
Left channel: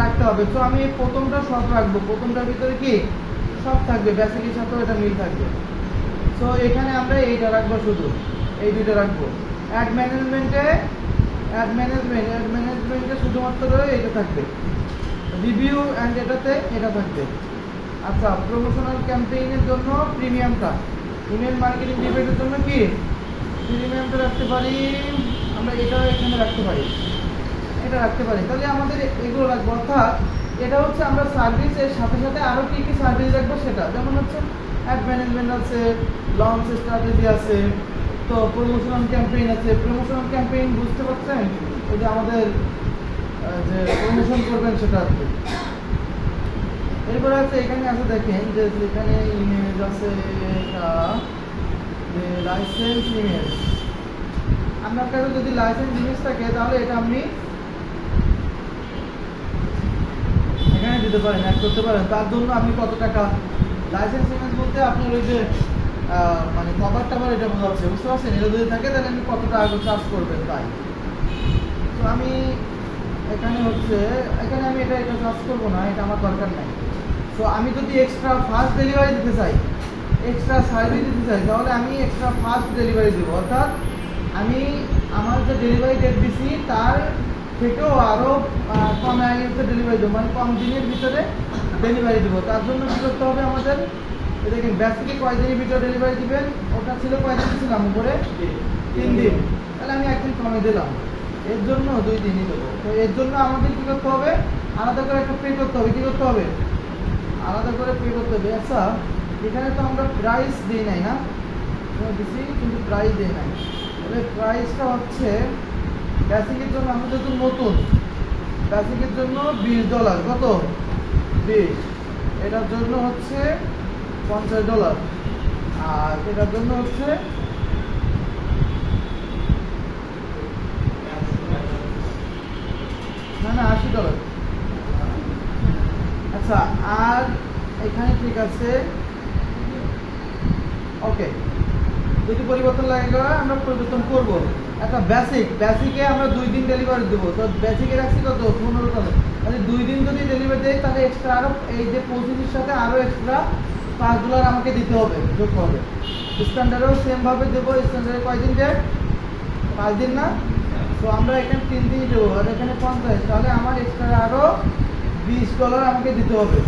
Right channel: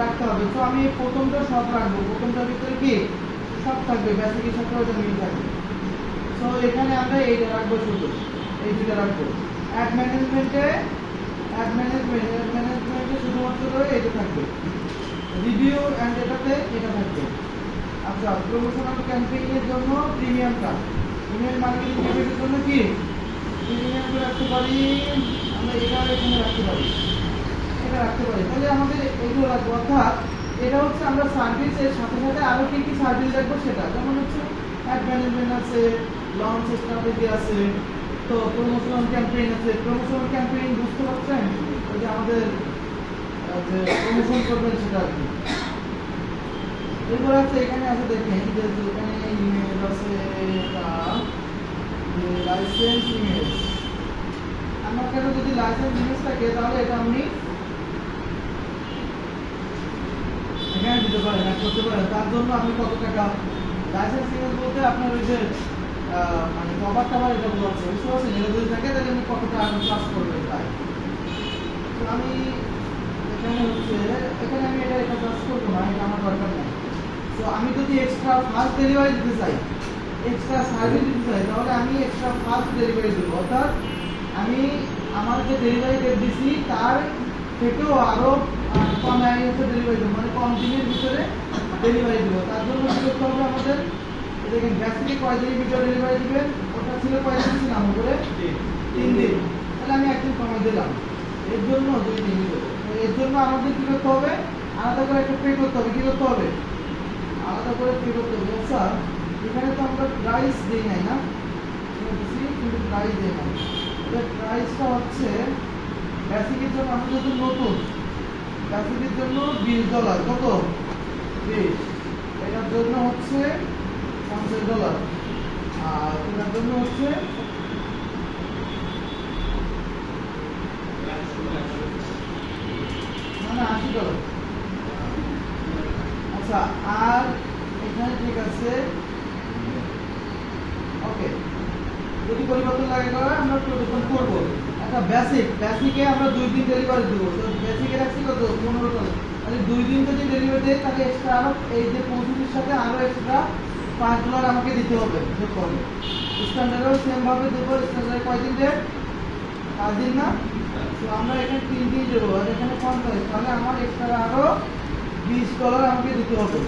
রাখতে হবে। তো আমি প্রথমটা সব রাখবো, প্রথমটার ভিতরে কি সব থাকবে, বেসিকের সাথে ওটা মিল থাকবে। তো এখানে আমরা এইটা রাখবো, শুধু এই দুটো রাখবো। অ্যাড ম্যানেজমেন্টে শুধুমাত্র এটা থাকবে, রিভিউ অ্যান্ড এটাতে এটা থাকবে। আচ্ছা, প্রমোশনাল ক্যাম্পেইনের জন্য প্রিমিয়ামটা, ইমেল মার্কেটিং ইভেন্টের জন্য কি প্রিমিয়ামটা রাখতে পারি আমরা, এটা এখানে রাখতে পারি, এটা রাখতে পারি। তাহলে আমাদের এগুলো লাগবে, অর্থাৎ এটা হচ্ছে আমরা সার্ভিসের সাথে সাথে আরো কি কি সার্ভিস রাখবো সেটা, যেমন হচ্ছে অ্যাড ম্যানেজমেন্ট আছে, লঞ্চ স্ট্র্যাটেজি আছে, তো প্রমোশনাল ক্যাম্পেইন আছে। প্রমোশনাল ক্যাম্পেইন বুঝতে পারছেন, ওই যে আমাদের যে প্রমোশন করবেন সেটা আছে। এরপর আছে এখানে আছে, দেখেন যে এখানে ইমেজ আছে, লাইসেন্স ইমেজ। আপনার কাছে যদি লাইসেন্স ইমেজ থাকে তাহলে এটা আপনি এখানে দিতে পারেন, অ্যাড করতে পারেন। তার জন্য আপনি কত টাকা, লাইসেন্স ইমেজ বলতে আপনার ওই যে মানে কভার টাভার এটা বোঝাচ্ছে, বুঝতে পারছেন? এটা যদি থাকে তাহলে আপনি কত টাকা চার্জ করবেন তাই। তো আমি এখানে হচ্ছে এখানে আমি এটা চার্জ করবো না, এটা আমার দরকার নেই। তো আমি যদি এক্সট্রা ফাস্ট ডেলিভারি দিতে চাই, এক্সট্রা সার্ভিস দিতে চাই, তাহলে আমি এক্সট্রা ফাস্ট ডেলিভারি দেবো, অর্থাৎ আমি আমার যে ডেলিভারি ডেট দিচ্ছি তার থেকেও আরো কম আগে ডেলিভারি দেবো, মানে কম দিনের ভিতরে ডেলিভারি দেবো। তার জন্য কি করতে হবে আমাদের, দেখুন বেসিকে কয় দিনের ভিতরে ডেলিভারি দিবেন, ওটা ছিল কয় দিন ছিলাম করে 3 দিন, তাহলে আমি 1 দিন কমে দিলাম, এর জন্য 2 দিনই দেবো। তো এর জন্য আমাদের কি করতে হবে, আলাদা করে একটা পে করতে হবে, কি করতে হবে, আলাদা করে পে করতে হবে। আচ্ছা, এখানে তো আমরা প্রাইস দিই নাই না, দিচ্ছি কিন্তু প্রাইস দিই না, প্রাইসটা হচ্ছে বেসিকের জন্য আমাদের তো নতুন, বেসিকের জন্য $20, কত 20, এটার জন্য হচ্ছে $50, আর এটার জন্য হচ্ছে না $80। আচ্ছা, আর এখানে ঠিক আছে, ওকে, যদি পরিবর্তন লাগে আমরা পরিবর্তন করবো। একটা বেসিকে আমরা 2 দিন ডেলিভারি দেবো, তো বেসিকে রাখছি কত $15, তাহলে 2 দিন যদি ডেলিভারি দেয় তাহলে এক্সট্রা আরো এই যে 25 সাথে আরো এক্সট্রা $5 আমাকে দিতে হবে, যোগ হবে। স্ট্যান্ডার্ডেও সেম ভাবে দেবো। স্ট্যান্ডার্ডে কয়দিন ডেট? 5 দিন না? তো আমরা এখানে 3 দিন দেবো, আর এখানে 50, তাহলে আমার এক্সট্রা আরো $20 আমাকে দিতে হবে।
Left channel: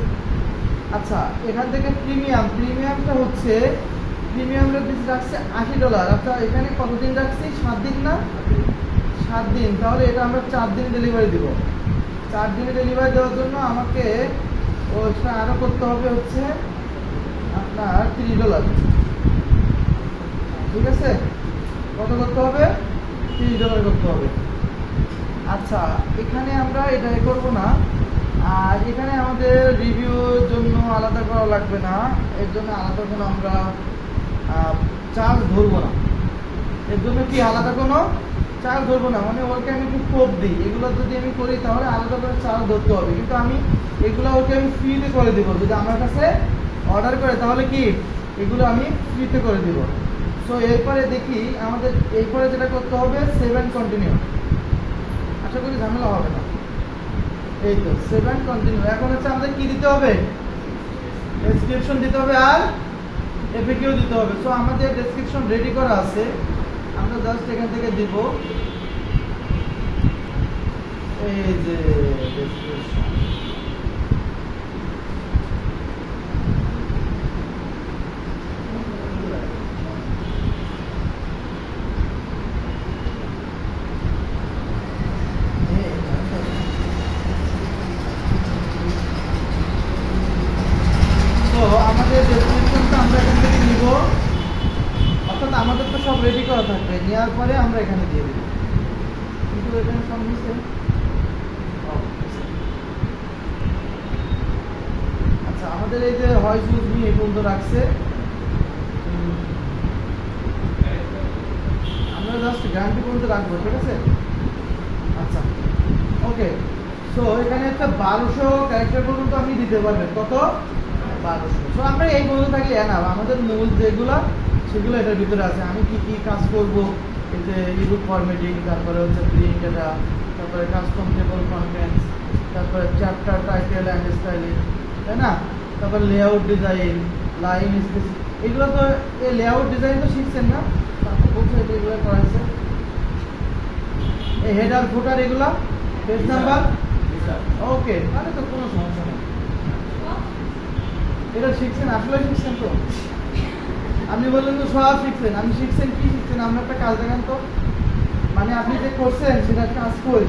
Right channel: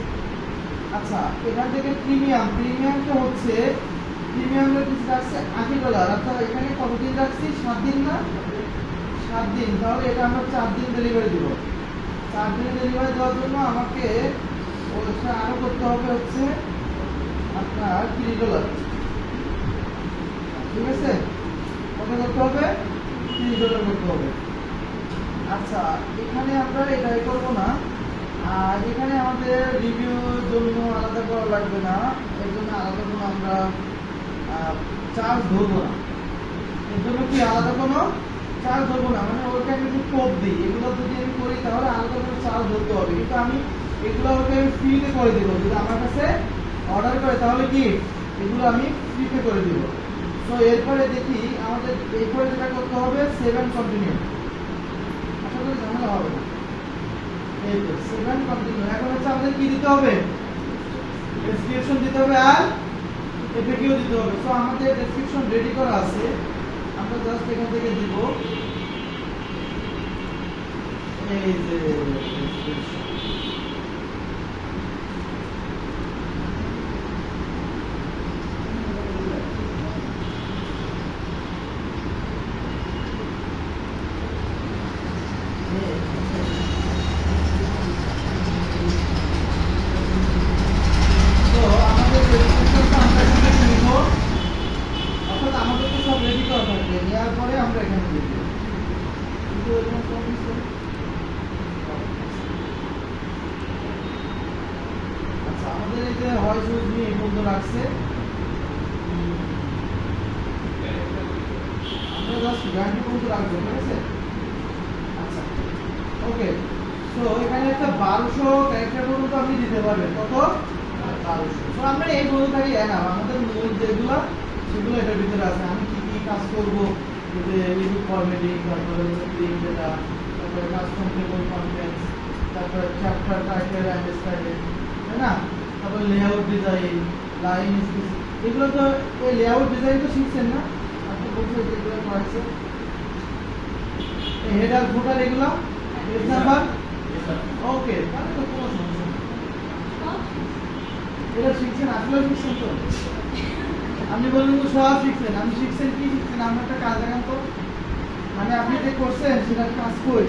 আচ্ছা, এখান থেকে প্রিমিয়ামটা হচ্ছে, প্রিমিয়ামটা রাখছে $80। আচ্ছা, এখানে কতদিন রাখছি? 7 দিন না? 7 দিন, তাহলে এটা আমরা 4 দিন ডেলিভারি দেবো। 4 দিনে ডেলিভারি দেওয়ার জন্য আমাকে আরো করতে হবে হচ্ছে আপনার $30। ঠিক আছে, কত করতে হবে? $30 করতে হবে। আচ্ছা, এখানে আমরা এটাই করবো না, আর এখানে আমাদের রিভিউর জন্য আলাদা করা লাগবে না, এর জন্য আলাদা কোনো আমরা চার্জ ধরবো না। এর জন্য কি আলাদা কোনো চার্জ ধরবো না, মানে ওকে আমি একটু কোপ দিই, এগুলো যদি আমি করি তাহলে আলাদা করে চার্জ ধরতে হবে, কিন্তু আমি এগুলো ওকে আমি ফ্রিতে করে দেবো। যদি আমার কাছে অর্ডার করে তাহলে কি এগুলো আমি ফ্রিতে করে দিব। তো এরপরে দেখি আমাদের এরপরে যেটা করতে হবে 7 কন্টিনিউ। আশা করি ঝামেলা হবে না। এই তো 7 কন্টিনিউ। এখন হচ্ছে আমাদের কি দিতে হবে? ডেসক্রিপশন দিতে হবে আর এফএকিউ দিতে হবে। সো আমাদের ডেসক্রিপশন রেডি করা আছে, আমরা জাস্ট এখান থেকে দিব এই যে ডেসক্রিপশন। রেডি করা থাকবে, নেওয়ার পরে আমরা এখানে দিয়ে দেবো। কিন্তু এখানে আচ্ছা, আমাদের এই যে ভয়েস নোট নিয়ে এই পর্যন্ত রাখছে, আমরা জাস্ট গ্যারান্টি পর্যন্ত রাখবো। ঠিক আছে, আচ্ছা ওকে। সো এখানে হচ্ছে 1200 ক্যারেক্টার পর্যন্ত আপনি দিতে পারবেন। কত? 1200। সো আমরা এই বলতে থাকি না, আমাদের মূল যেগুলা সেগুলো এটার ভিতরে আছে। আমি কি কি কাজ করবো, এই যে এডিট ফরম্যাটিং, তারপরে হচ্ছে প্রিন্ট ডাটা, তারপরে কাস্টম টেবল কন্টেন্টস, তারপরে চ্যাপ্টার টাইটেল এন্ড স্টাইলিং, তাই না? তারপর লেআউট ডিজাইন, লাইন স্পেস, এগুলো তো এই লেআউট ডিজাইন তো শিখছেন না? তারপর বলছি যেগুলো করেছে এই হেডার ফুটার, এগুলো পেজ নাম্বার। ওকে, তাহলে তো কোনো সমস্যা নেই, এটা শিখছেন, আসলে শিখছেন তো। আপনি বললেন তো সব শিখছেন, আমি শিখছেন কি শিখছেন? আপনি একটা কাজ দেখান তো, মানে আপনি যে করছেন সেটা কাজ কই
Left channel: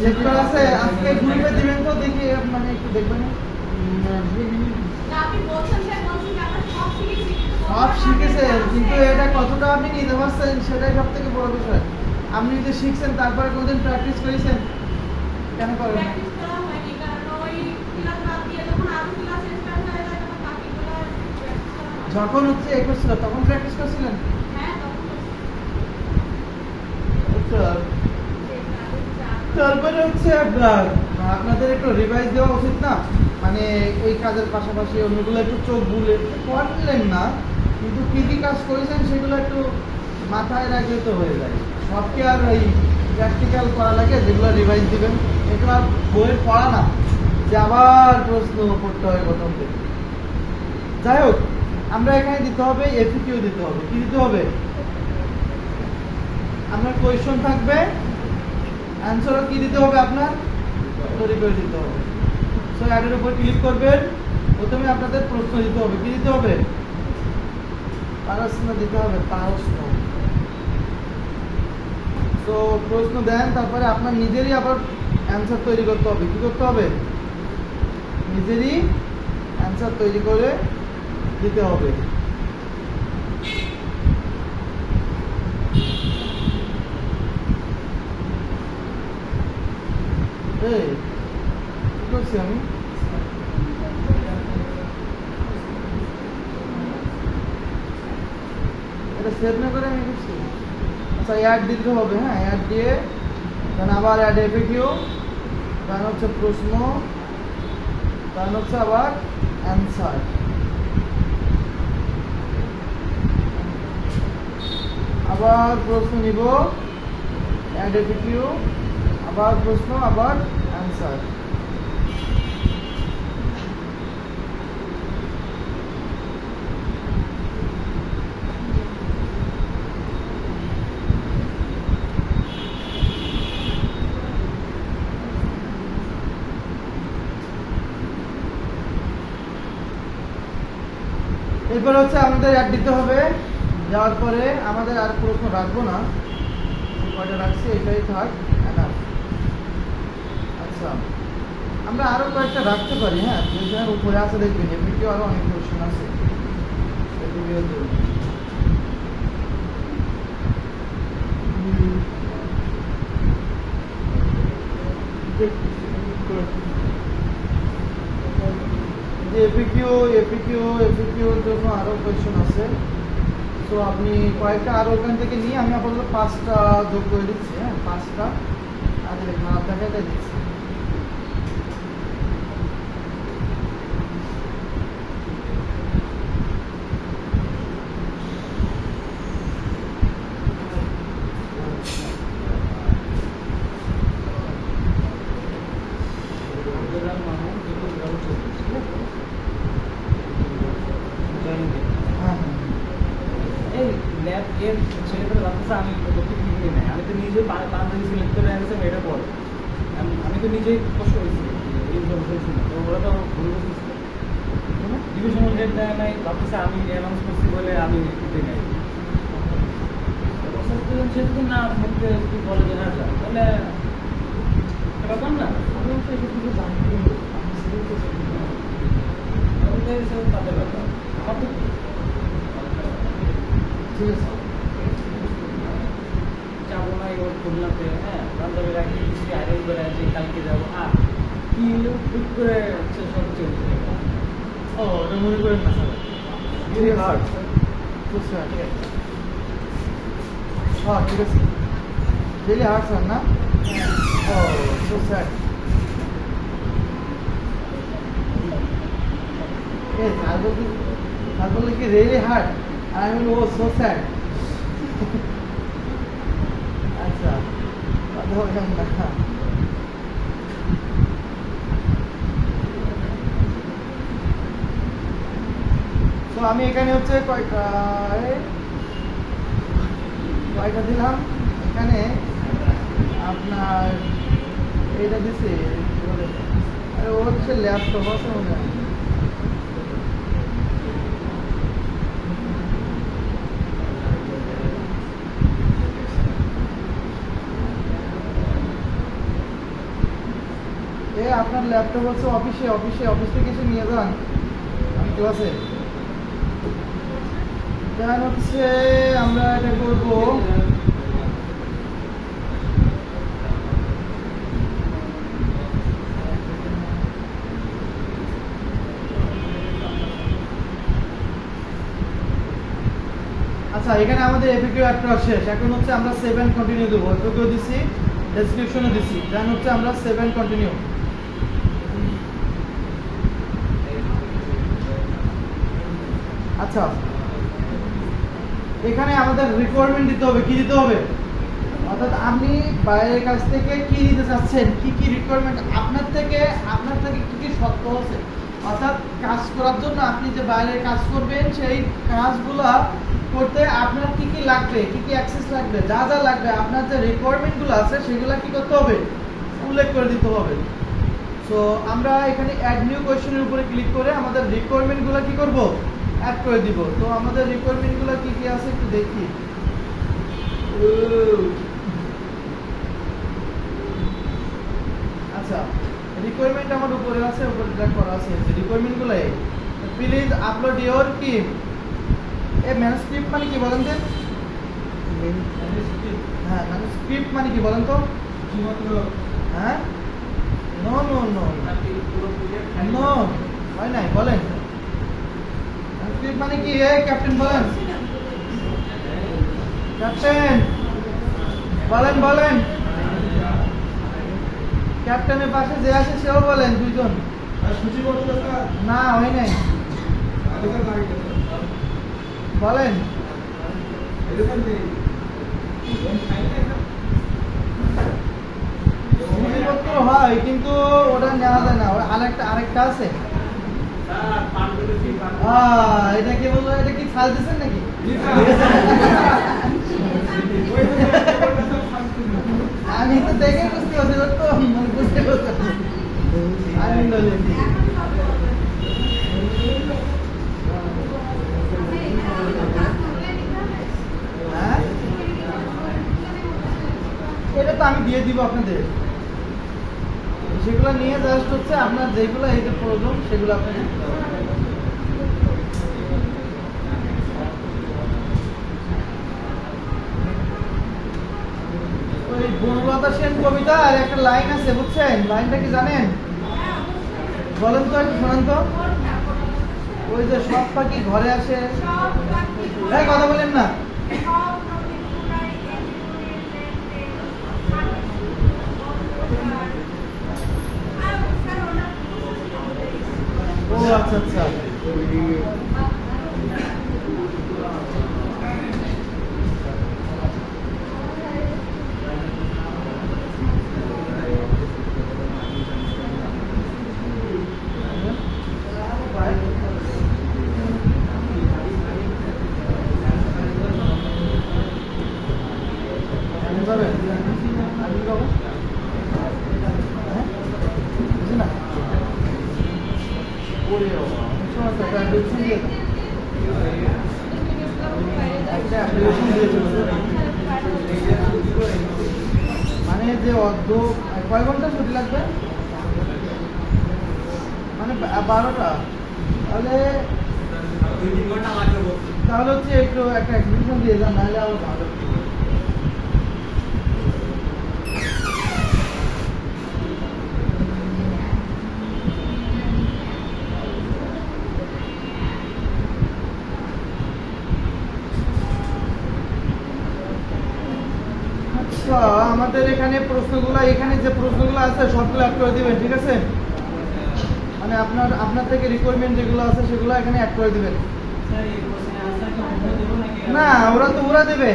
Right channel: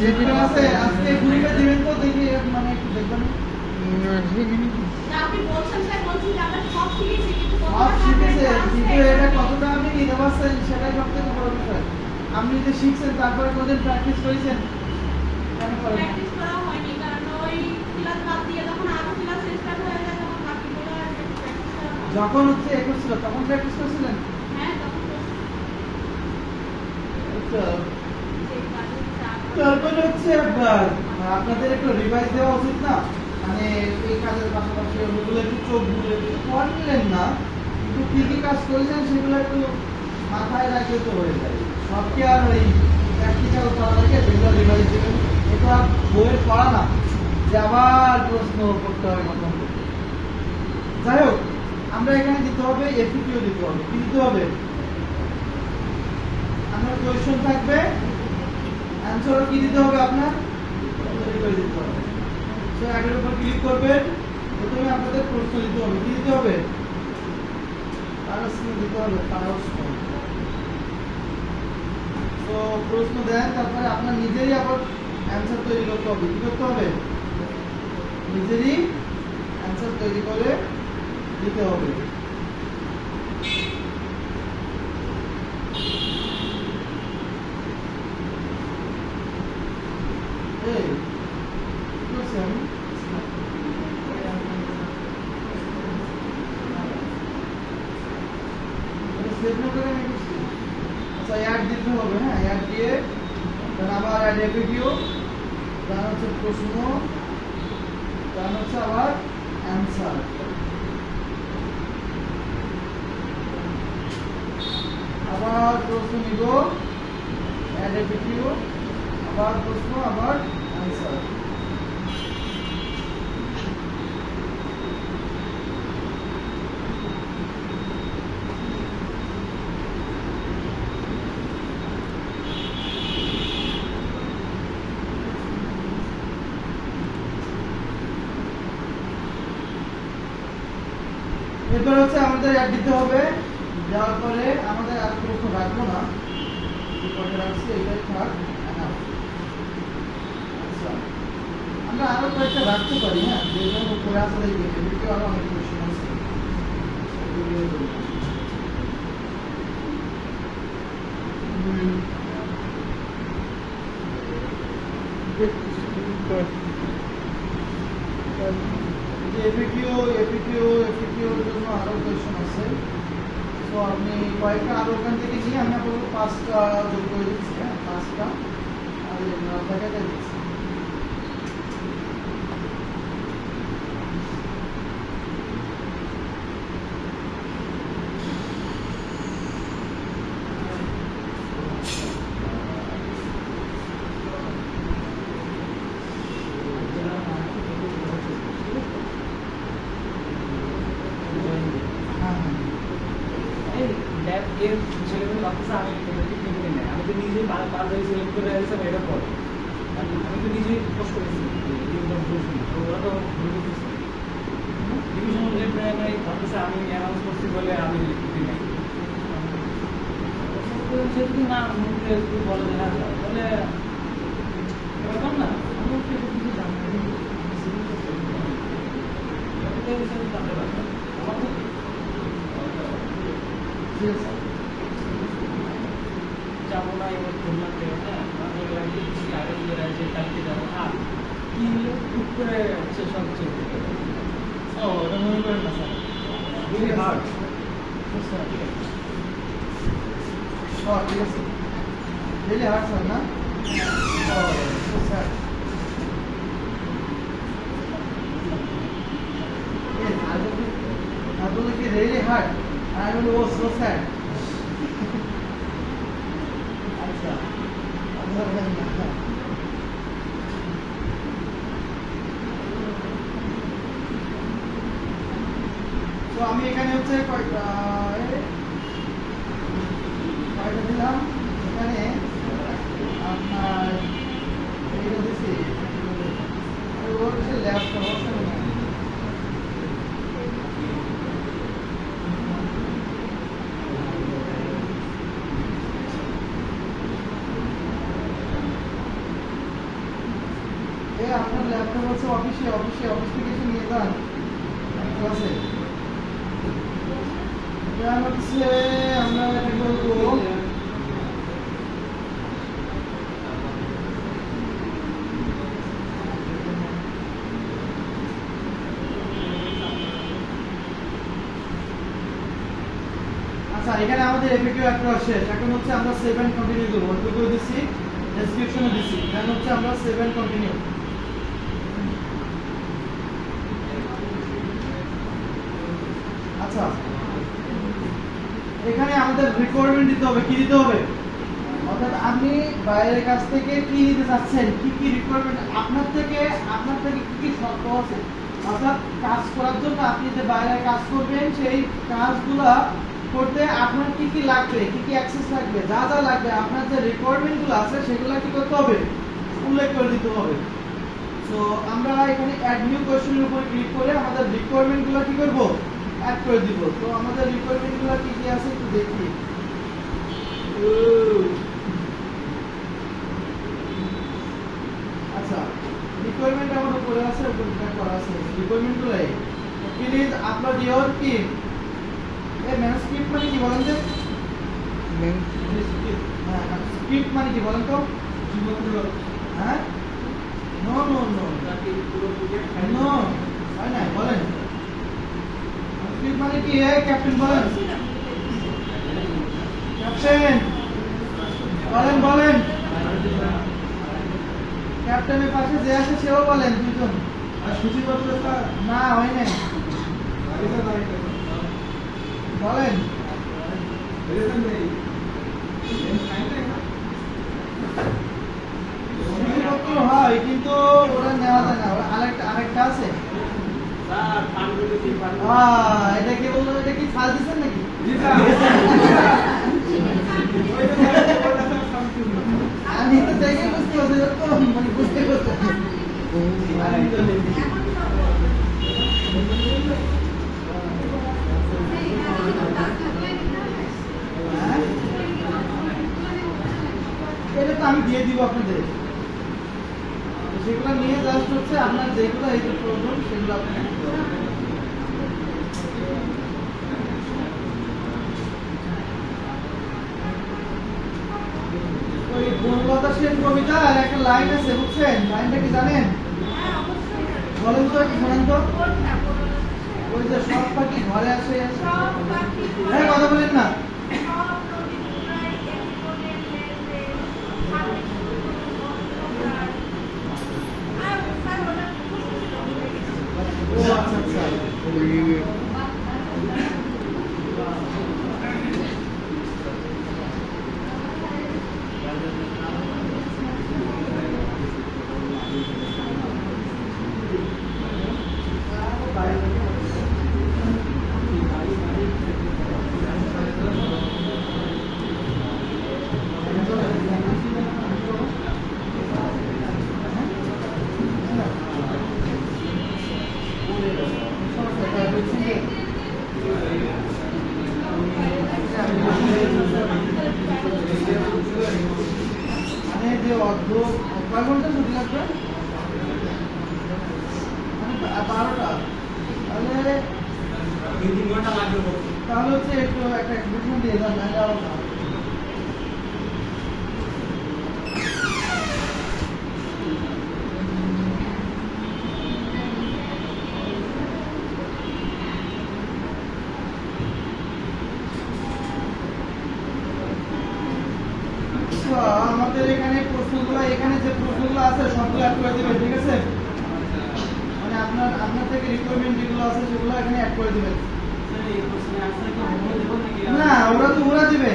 যেগুলো আছে আজকে ঘুরে দিবেন তো, দেখি মানে একটু দেখবেন। সব শিখেছে, কিন্তু এটা কতটা আপনি নিতে পারছেন সেটাই সব থেকে বড় বিষয়। আপনি যে শিখছেন তারপরে কোনদিন প্র্যাকটিস করেছেন? কেন করেন? যখন হচ্ছে এ করছিল তখন প্র্যাকটিস করছিলেন? তারপরে হচ্ছে আপনাদের একটু রিভাইজ দেওয়া উচিত না, মানে এই কাজের পাশাপাশি অন্যগুলো একটু চোখ বুঝে করলেন না, কিন্তু কি কি কাজ করেছেন সেগুলো একটু মাথায় রাখলে তো হয়ে যায়। সবকে আর ওই প্র্যাকটিক্যাল করা লাগে, যেগুলো রিভাইজ দেবেন। এটা বইয়ের পড়া না যে আবার প্রশ্ন করতে হবে প্রথম থেকে। যাই হোক, আমরা এখানে দিতে হবে এফএকিউ দিতে হবে। কি দিতে হবে? আপনার কোয়েশ্চন থাকবে, অ্যানসারও কি দিতে হবে? আপনার তৈরি করে দিতে হবে। সো অ্যাডের উপর ক্লিক করবেন, প্রথমে আপনাদের প্রশ্ন দিতে হবে। কি দিতে হবে? প্রশ্ন দিতে হবে, প্রশ্ন। তো প্রশ্ন দেন, তারপরে আপনার নিজেরই আবার অ্যানসার তৈরি করতে হবে। কি করতে হবে? নিজেরই অ্যানসার তৈরি করে দিতে হবে। অ্যাড দিতে হবে, হ্যাঁ অ্যাড দিয়ে আবার অ্যাড এফএকিউ, তার হচ্ছে প্রশ্ন, তার হচ্ছে আবার অ্যান্সার। আবার প্রশ্ন নিব, অ্যাড এফএকিউ, আবার প্রশ্ন, আবার অ্যান্সার। এরপর হচ্ছে আমাদের অ্যাড দিতে হবে। যাওয়ার পরে আমাদের আর প্রশ্ন রাখবো না, কয়টা রাখছি এটাই থাক। আচ্ছা, আমরা আরো কয়েকটা রাখতে পারি। হ্যাঁ, যেগুলো উপরে আছে দেখবেন, এমনিতে আরো অনেক কোশ্চেন আছে। এপিকিউর জন্য আরো কোশ্চেন আছে। তো আপনি কয়েকটা আরো ওখান থেকে নিয়ে আমি আপাতত 5টা যোগ করে দিচ্ছি। হ্যাঁ, 5টা আর আপনাকে দিচ্ছি। আমি তো নিজে পারফেক্ট সিলেক্ট করে আসছি এটা পরে আমি তো নিজেই পোস্ট করেছি ওগুলো তো ভুল করতেছি ডিভিশন নাই ভাবতেছে আমি অ্যানাউন্স করছি বলে আমি যেহেতু না মধ্যে একটু বলে না তাহলে এরকম না আমি কিছু জানতে তাদের ব্যাপার ঠিক আছে, যাবো না এবার খুলনাতে। হ্যাঁ, তাদের একটু বেশি আগে করে আছে কালকে যাবো। আর কি হলো বুক করে হচ্ছে সব চলছে। ও ওটা মনে করেন না স্যার, রিয়েলি হার্ড। হ্যাঁ ঠিক আছে, রিয়েলি হার্ড স্যার না? ও সো স্যার, I বললো কি রিয়েলি হার্ড, আর আমি বলবো সো স্যাড। আচ্ছা, তো আমি এখানে হচ্ছে কয়টা দিলাম এখানে আপনার এইটা দিচ্ছি ওর হচ্ছে ল্যাপটপ আপনার ল্যাপটপ হচ্ছে অফিস থেকে এসে নিয়ে যান, ঠিক আছে? দেন হচ্ছে আমরা এটা করবো আচ্ছা, এখানে আমাদের এপিকিউ একটা শেষ। এখন হচ্ছে আমরা 7 কন্টিনিউ দেবো। এপিকিউ দিছি, ডেসক্রিপশনও দিছি, দেন হচ্ছে আমরা 7 কন্টিনিউ। আচ্ছা, এখানে আমাদের রিকোয়ারমেন্ট দিতে হবে। কি দিতে হবে? অর্থাৎ আপনি বাইরের কাছ থেকে কি নিতে চাচ্ছেন, কি কি রিকোয়ারমেন্ট আপনার থেকে কি কি শর্ত আছে। অর্থাৎ কাজ করার জন্য আপনি যে বাইরে কাজ করবেন সেই কাজগুলা করতে আপনার কি কি লাগবে, কি কি অ্যাক্সেস লাগবে, যা যা লাগবে আপনার যে রিকোয়ারমেন্টগুলো আছে সেগুলো কি করতে হবে, উল্লেখ করে দিতে হবে। সো আমরা এখানে অ্যাড নিউ কোয়েশ্চেনের উপরে ক্লিক করে আমাদের রিকোয়ারমেন্টগুলো কি করব, অ্যাড করে দিব। তো আমাদের রিকোয়ারমেন্টগুলো কি কি আছে একটু দেখি। আচ্ছা, রিকোয়ারমেন্ট আমার উপরে আছে, উপরে ড্র্যাগ করা আছে। রিকোয়ারমেন্টগুলো এই প্লিজ আপলোড ইওর কি এই ম্যানুস্ক্রিপ্ট মানে কি বলেন তো? হ্যাঁ, ম্যানুস্ক্রিপ্ট মানে কি বলেন তো? হ্যাঁ, নো নো নো নো হয় নাই, বলেন ম্যানুস্ক্রিপ্ট মানে কি? এই ক্যাপ্টেন বলেন, ক্যাপ্টেন বলেন ক্যাপ্টেনের পাশে যে আছে সেও বলেন, দুইজন। না হয় নাই, বলেন। হয় কিন্তু ওটা জানা যায় না, আরেকটা আছে। এটা কি বলবো, এটা কি ফাল দিচ্ছেন নাকি? আমি তো দেখে বুঝতে পারছি, তো মানে বুঝতে পারছি। দিব আপনাদের, সেগুলো নিয়ে জাস্ট হচ্ছে আপনার যেগুলো এই যে প্রয়োজন সেগুলো আপনি ওই গুণলতা সেন কবিতা আর একটা লাইন আছে বুঝছেন, লাইনটা কি জানেন? বলেন তো, শুনেন তো। ওই যে সব পাখি ঘরে আসে, হ্যাঁ কথা বলেন না। ও আচ্ছা আচ্ছা, মানে যে অর্ধ কয় ঘন্টা ছুটি লাগবে, মানে 12টা, তাহলে তাহলে হচ্ছে একটু একটা অ্যাডমিশন দিয়ে দিলাম, নাহলে আরো ভালো। আমাদের এখানে প্রশ্নগুলো, এখানে যে প্রশ্নগুলো আছে সবগুলো অ্যাড করে দিবেন, ঠিক আছে? মানে আপনার থেকে রিকোয়ারমেন্ট যেগুলো আছে সেগুলো এখানে অ্যাড করে দিবেন। না ওরা দিবে।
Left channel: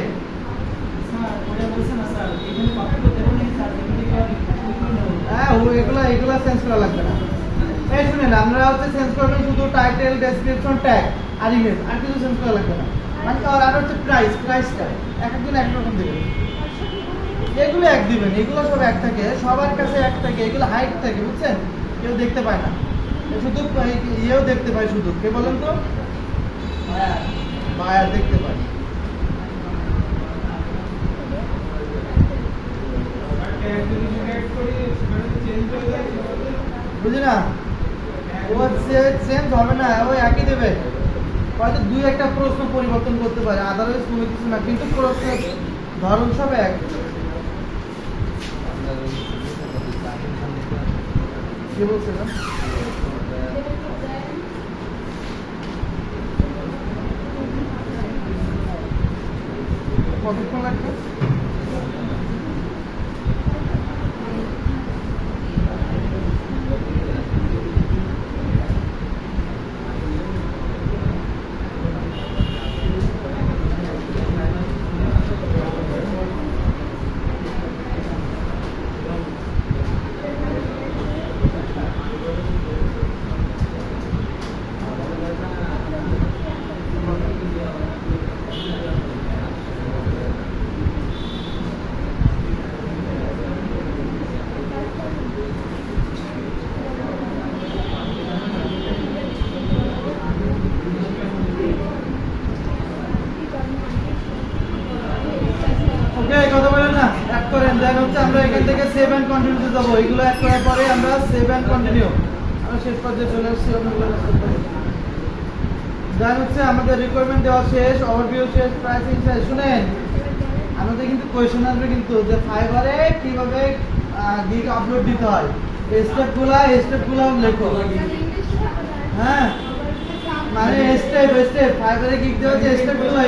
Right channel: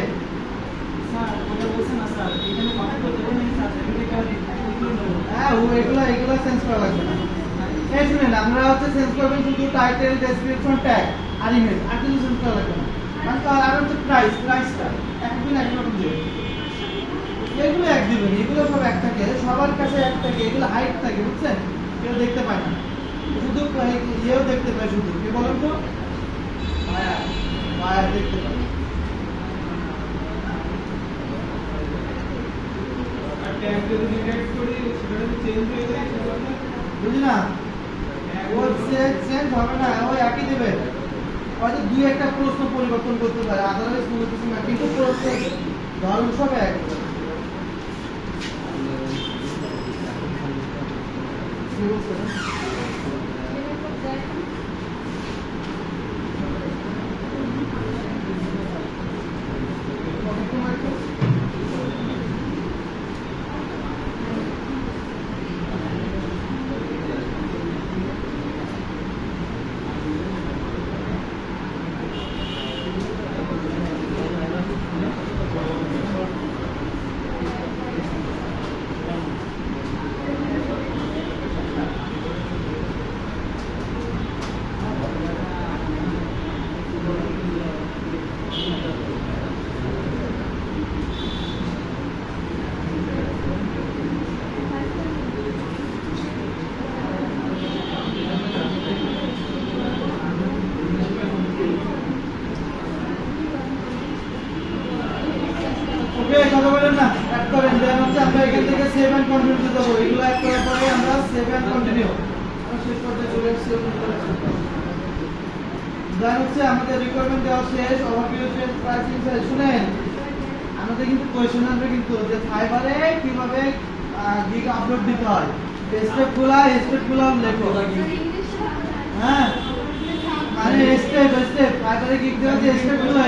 হ্যাঁ এগুলো চেঞ্জ করা লাগবে না। এই শুনেন, আমরা হচ্ছে চেঞ্জ করবেন শুধু টাইটেল, ডেসক্রিপশন, ট্যাগ আর ইমেজ, আর কিছু চেঞ্জ করা লাগবে না। আর হচ্ছে প্রাইসটা একদিন একরকম দেবে, এগুলো এক দিবেন, এগুলো সব এক থাকে, সবার কাছে এক থাকে, এগুলো হাইট থাকে বুঝছেন, কেউ দেখতে পায় না, শুধু ইয়েও দেখতে পায়, শুধু কে বলেন তো, বায়ার দেখতে পায়। বুঝলি না, ও চেঞ্জ হবে না, ওই একই দেবে, হয়তো 2-1টা প্রশ্ন পরিবর্তন করতে পারে, আদারওয়াইজ কোনো কিছু না, কিন্তু প্রশ্নের ধরন সব এক। কতক্ষণ লাগবে? কথা বলেন না, অ্যাড করেন। দেন হচ্ছে আমরা এখান থেকে সেভ এন্ড কন্টিনিউ তে যাব, এগুলো অ্যাড করার পরে আমরা সেভ এন্ড কন্টিনিউ শেষ পর্যায়ে চলে আসছি। দেন হচ্ছে আমাদের রিকোয়ারমেন্ট দেওয়া শেষ, ওভারভিউ শেষ, প্রাইসিং শেষ। শুনেন, আমাদের কিন্তু কোয়েশ্চেন আসবে কিন্তু যে ফাইবারে কিভাবে গিগ আপলোড দিতে হয়, স্টেপগুলো লেখো। হ্যাঁ মানে স্টেপ ফাইবারে গিগ দেওয়া যে স্টেপগুলো,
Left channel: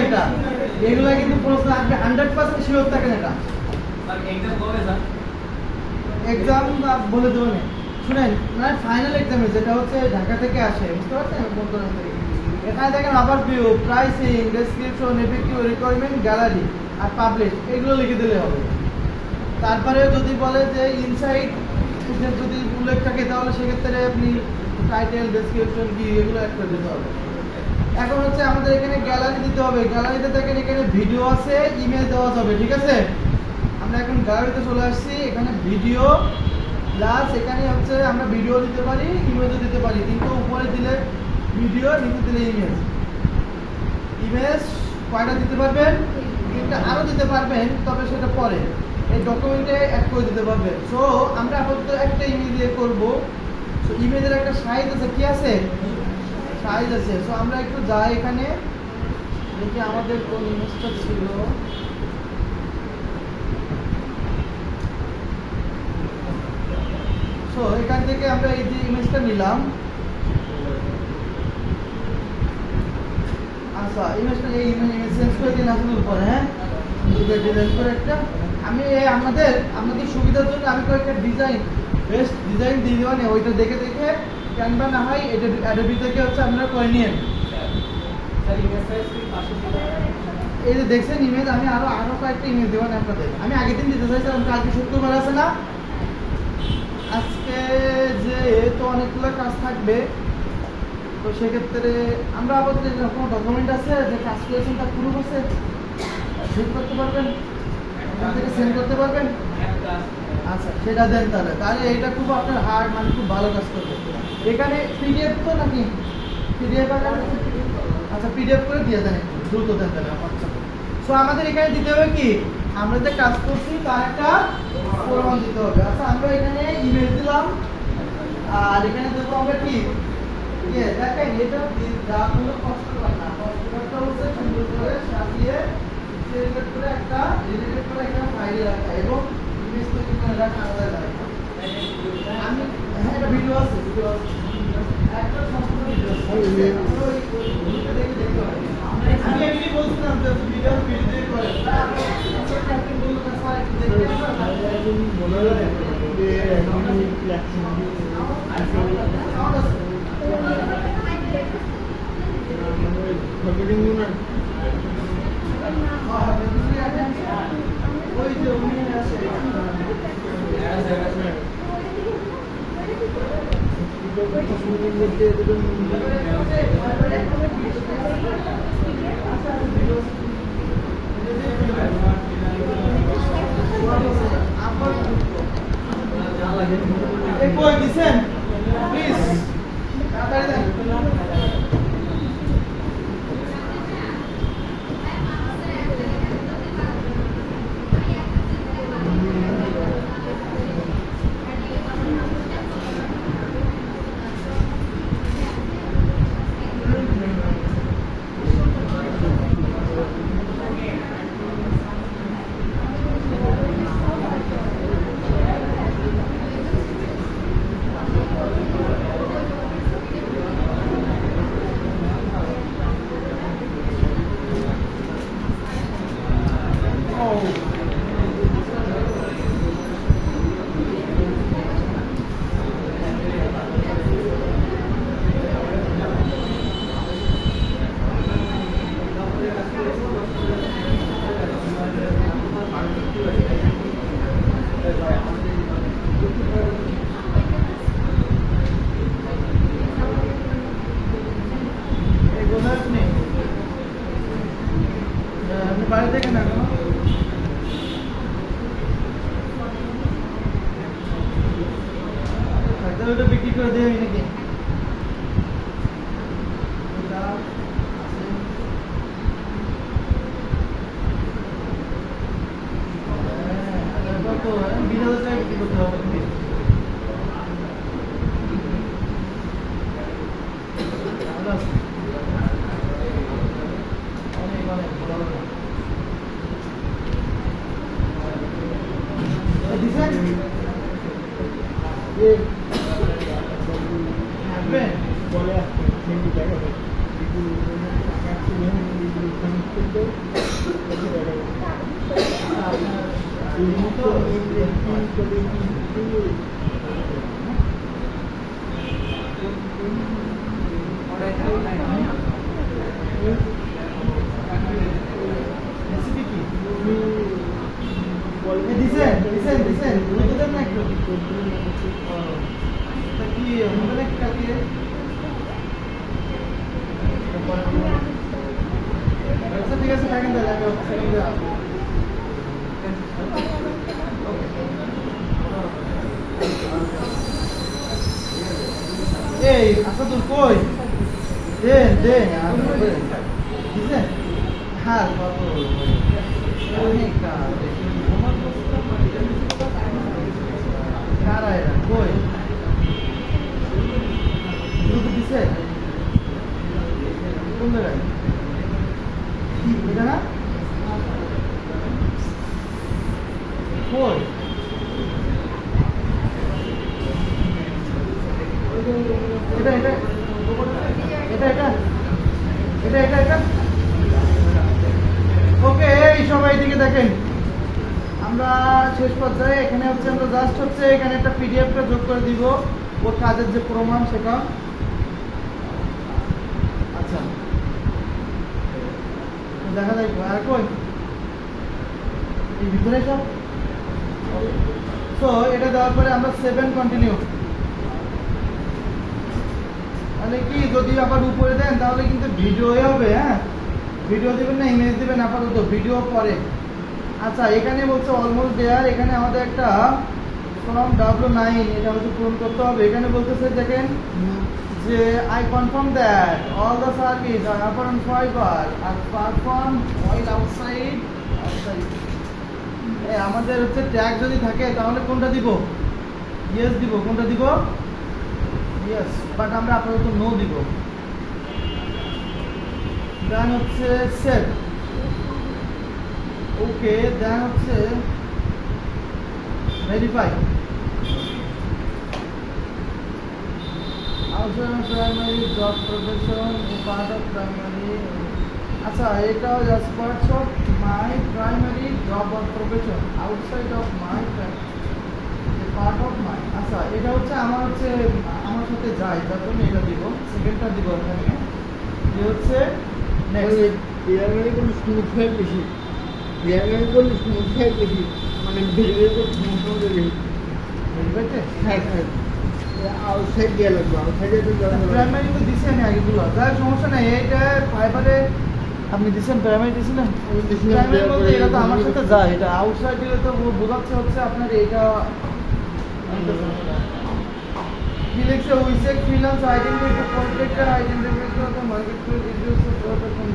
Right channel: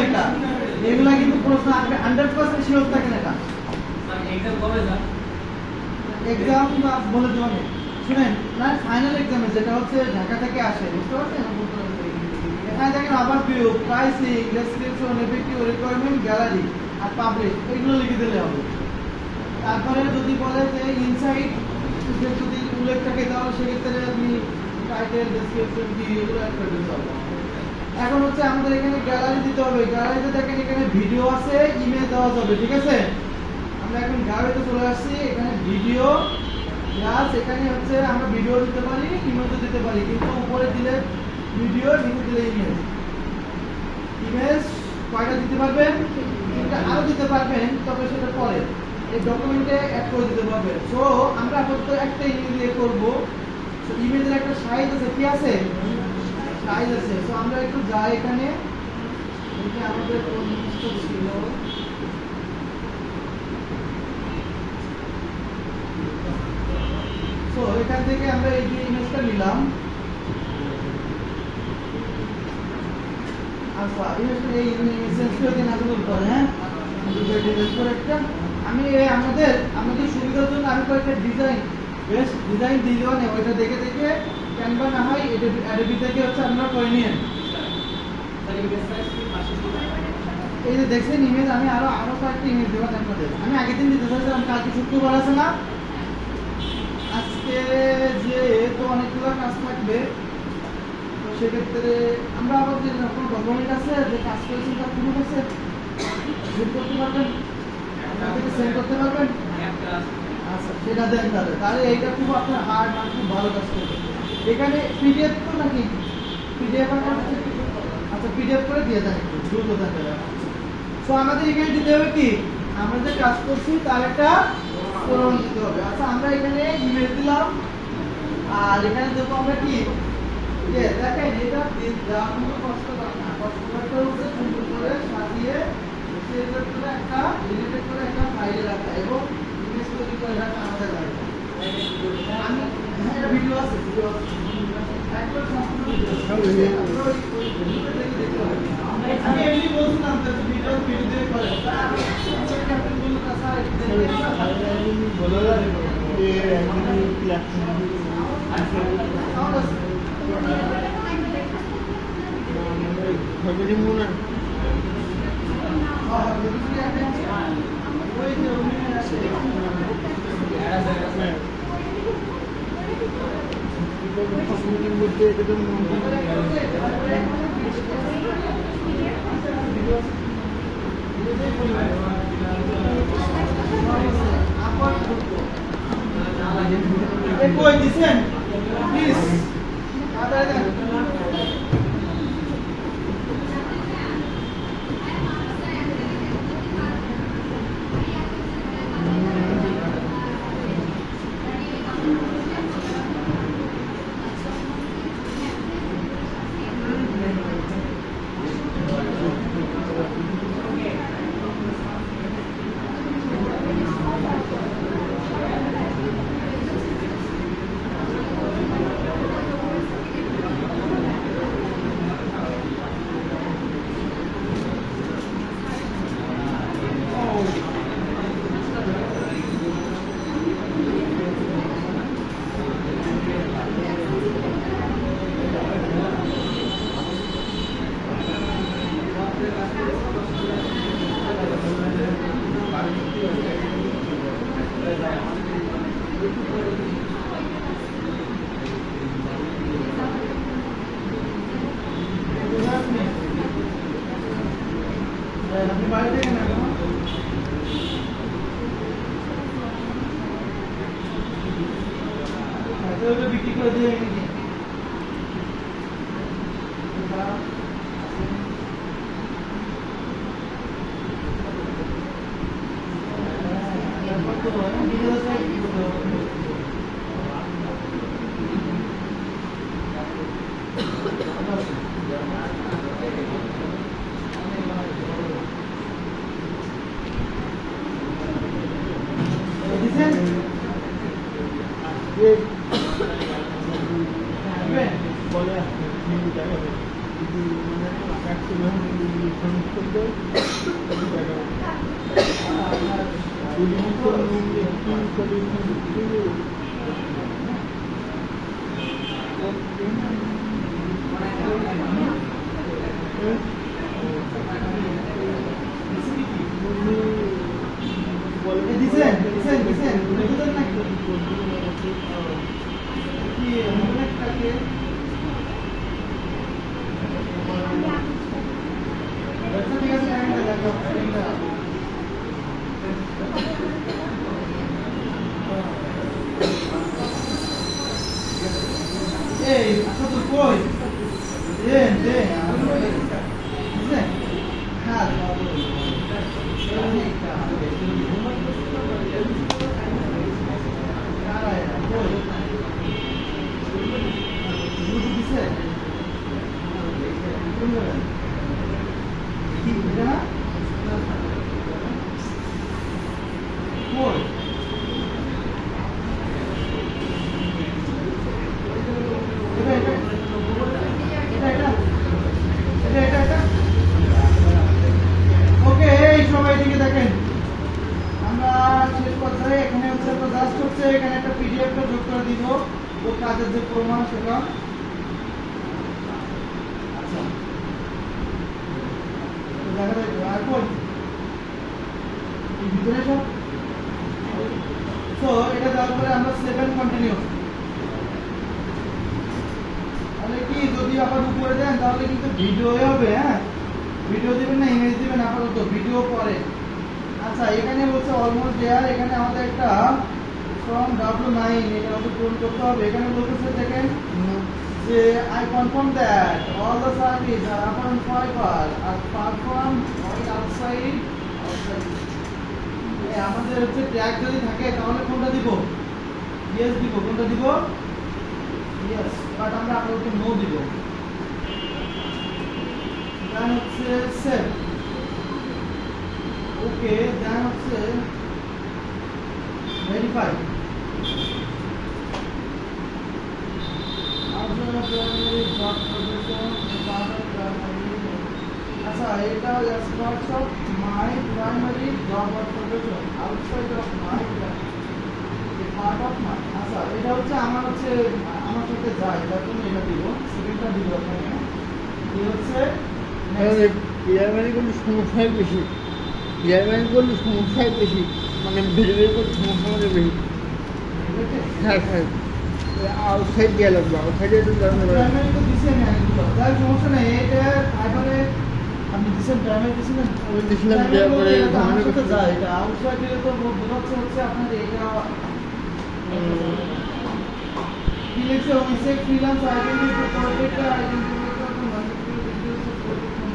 এগুলো কিন্তু প্রশ্ন আসবে, 100% শিওর থাকেন এটা। এক্সাম বলে দেবো না, শুনেন না, ফাইনাল এক্সামে যেটা হচ্ছে ঢাকা থেকে আসে, বুঝতে পারছেন? এখানে দেখেন আবার view, pricing, description, FAQ, requirement, gallery আর পাবলিশ, এগুলো লিখে দিলে হবে। তারপরে যদি বলে যে ইনসাইট যদি উল্লেখ থাকে, তাহলে সেক্ষেত্রে আপনি টাইটেল, ডেসক্রিপশন কি এগুলো অ্যাড করে দিতে হবে। এখন হচ্ছে আমাদের এখানে গ্যালারি দিতে হবে, গ্যালারিতে দেখেন এখানে ভিডিও আছে, ইমেজ দেওয়া যাবে, ঠিক আছে? আমরা এখন গ্যালারিতে চলে আসছি, এখানে ভিডিও প্লাস এখানে হচ্ছে আমরা ভিডিও দিতে পারি, ইমেজও দিতে পারি, কিন্তু উপরে দিলে ভিডিও, নিচে দিলে ইমেজ কয়টা দিতে পারবেন? 3টা আরো দিতে পারবেন, তবে সেটা পরে। এই ডকুমেন্টে অ্যাড করে দিতে পারবেন। সো আমরা আপাতত একটা ইমেজ দিয়ে করব। সো ইমেজের একটা সাইজ আছে, কি আছে? সাইজ আছে। সো আমরা একটু যাই এখানে, দেখি আমাদের কোন ইমেজটা ছিল। সো এখান থেকে আমরা এই যে ইমেজটা নিলাম। আচ্ছা, ইমেজটা এই ইমেজ চেঞ্জ করে দিন আসলে উপরে, হ্যাঁ দুটো ডিজাইন করে একটা আমি আমাদের সুবিধার জন্য আমি কয়েকটা ডিজাইন বেস্ট ডিজাইন দিয়ে দেওয়া নেই, ওইটা দেখে দেখে ক্যানভা না হয় এটা অ্যাডোবি থেকে হচ্ছে আপনারা করে নিন। এই যে দেখছেন ইমেজ, আমি আরো কয়েকটা ইমেজ দেবো আপনাদের। আমি আগের দিন দিতে চাইছিলাম, কালকে শুক্রবার আছে না, আজকে যে তো অনেকগুলো কাজ থাকবে। তো সেক্ষেত্রে আমরা আবার যে কোনো ডকুমেন্ট আছে যে কাজ করেছেন তা পুরো হয়েছে সেট করতে পারবেন, তাদেরকে সেন্ড করতে পারবেন। আচ্ছা, সেটা দেন তাহলে এইটা খুব আপনার হার্ড মানে খুব ভালো কাজ করবে। এখানে পিডিএফ তো নাকি পিডিএফ? আচ্ছা, পিডিএফ করে দিয়ে দেন, একটু দ্রুত দেন তাহলে। সো আমাদের এখানে দিতে হবে কি, আমরা যে কাজ করছি তার একটা প্রমাণ দিতে হবে। আচ্ছা, আমরা এখানে ইমেজ দিলাম আর এখানে দেবো আমরা কি দেখেন, এটা যা কোনো কষ্ট না, কষ্ট করতে হচ্ছে সুন্দর করে সাজিয়ে সিলেক্ট করে একটা রিলেটেড করে একটা ফাইলে রাখা এবং ইমেজ তৈরি করে রাখা আলাদা লাগে। আমি এটা ভিডিও আছে, একবার সম্পূর্ণ ভিডিও আছে, আমি এমনি বলছিলাম যে ভিডিও দিয়ে করে ক্যাপ্টেন বললো কাছে বলে যে আমি খবরই মনে ওই যে উনি আছে মধ্যে কই দিছেন প্লিজ বিক্রি করে দিয়ে নাকি কারা এরা কই গ্রুপ দিছে কি এটা না কই ওকে এই সবাই দিকে দেখেন আমরা শেষ পর্যায়ে এখানে হচ্ছে আমরা জাস্ট হচ্ছে এখানে একটা পিডিএফ টা যোগ করে দিব ওর কাজের যে প্রমাণ সেটা আচ্ছা দেখা যায় আর কই এই ভিতরে সব সো এটা দেওয়ার পরে আমরা 7 কন্টিনিউ তাহলে কি যদি আবার উপরে দেন তাহলে কিন্তু ভিডিও হবে হ্যাঁ ভিডিও দিবেন না ইমেজ দিবেন আপাতত ভিডিও পরে আচ্ছা এখানে বলছে অলমোস্ট দেয়ার এখানে আমাদের একটা ফর্ম W9 এটা হচ্ছে পূরণ করতে হবে এখানে বলতেছে দেখেন যে I confirm that all the service are upon fiber are performed while outside আমাদের হচ্ছে ট্যাগ যদি থাকে তাহলে কোনটা দিব ইয়েস দিব কোনটা দিব ইয়েস বাট আমরা আপাতত নো দিব দেন হচ্ছে সেভ ওকে দেন হচ্ছে verify primary job profession part of primary আচ্ছা এটা just parts of my primary job or profession outside of my part of my আচ্ছা এটা হচ্ছে আমার সাথে যায় যার জন্য এটা দিব সেকেন্ডটা দিব এখানে এটা হচ্ছে প্রাইমারি কোনো সমস্যাই বেশি প্রাইমারি কোনো সমস্যাই বেশি মানে ভেরিফাই করতে সমস্যা মধ্যে বেশি হ্যাঁ হ্যাঁ আউটসাইড দিয়ে লাগবে আউটসাইডে একটু প্রাইমারি তো দিছি আমি আগে বললাম তাই সমস্যা নেই এটা ফাইবারে আপনি দিছেন প্রাইমারি দিছেন না ওই দিছিলাম তারপরে আমার সাথে যায় এটা আউটসাইড দিলে তো বোঝাচ্ছে হচ্ছে আপনার এটা কি লিখছে উইসে freelance identity projector identity for the market details for the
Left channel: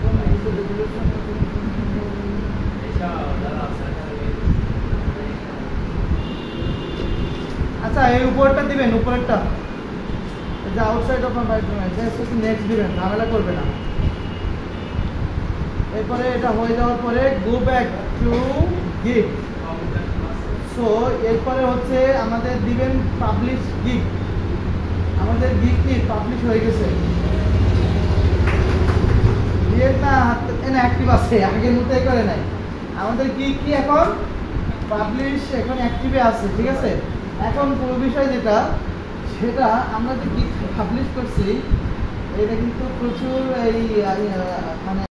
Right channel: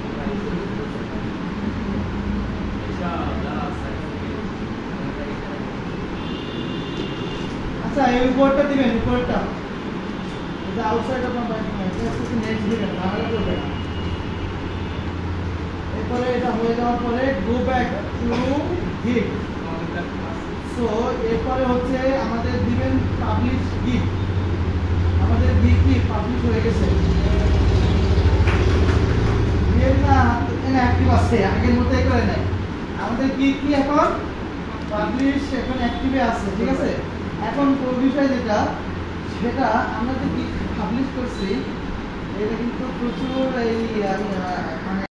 আচ্ছা এই উপরটা দিবেন উপরেরটা এটা outside of my point just next দিবেন ঝামেলা করবেন না এরপরে এটা হয়ে যাওয়ার পরে go back to gig so এরপরে হচ্ছে আমাদের দিবেন পাবলিশ গিগ আমাদের গিগ কি পাবলিশ হয়ে গেছে এটা অ্যাক্টিভ আছে আগের মতোই করে নাই আমাদের গিগ কি এখন পাবলিশ এখন অ্যাক্টিভে আছে ঠিক আছে এখন কোন বিষয় যেটা সেটা আমরা যে গিগ পাবলিশ করছি এটা কিন্তু প্রচুর এই মানে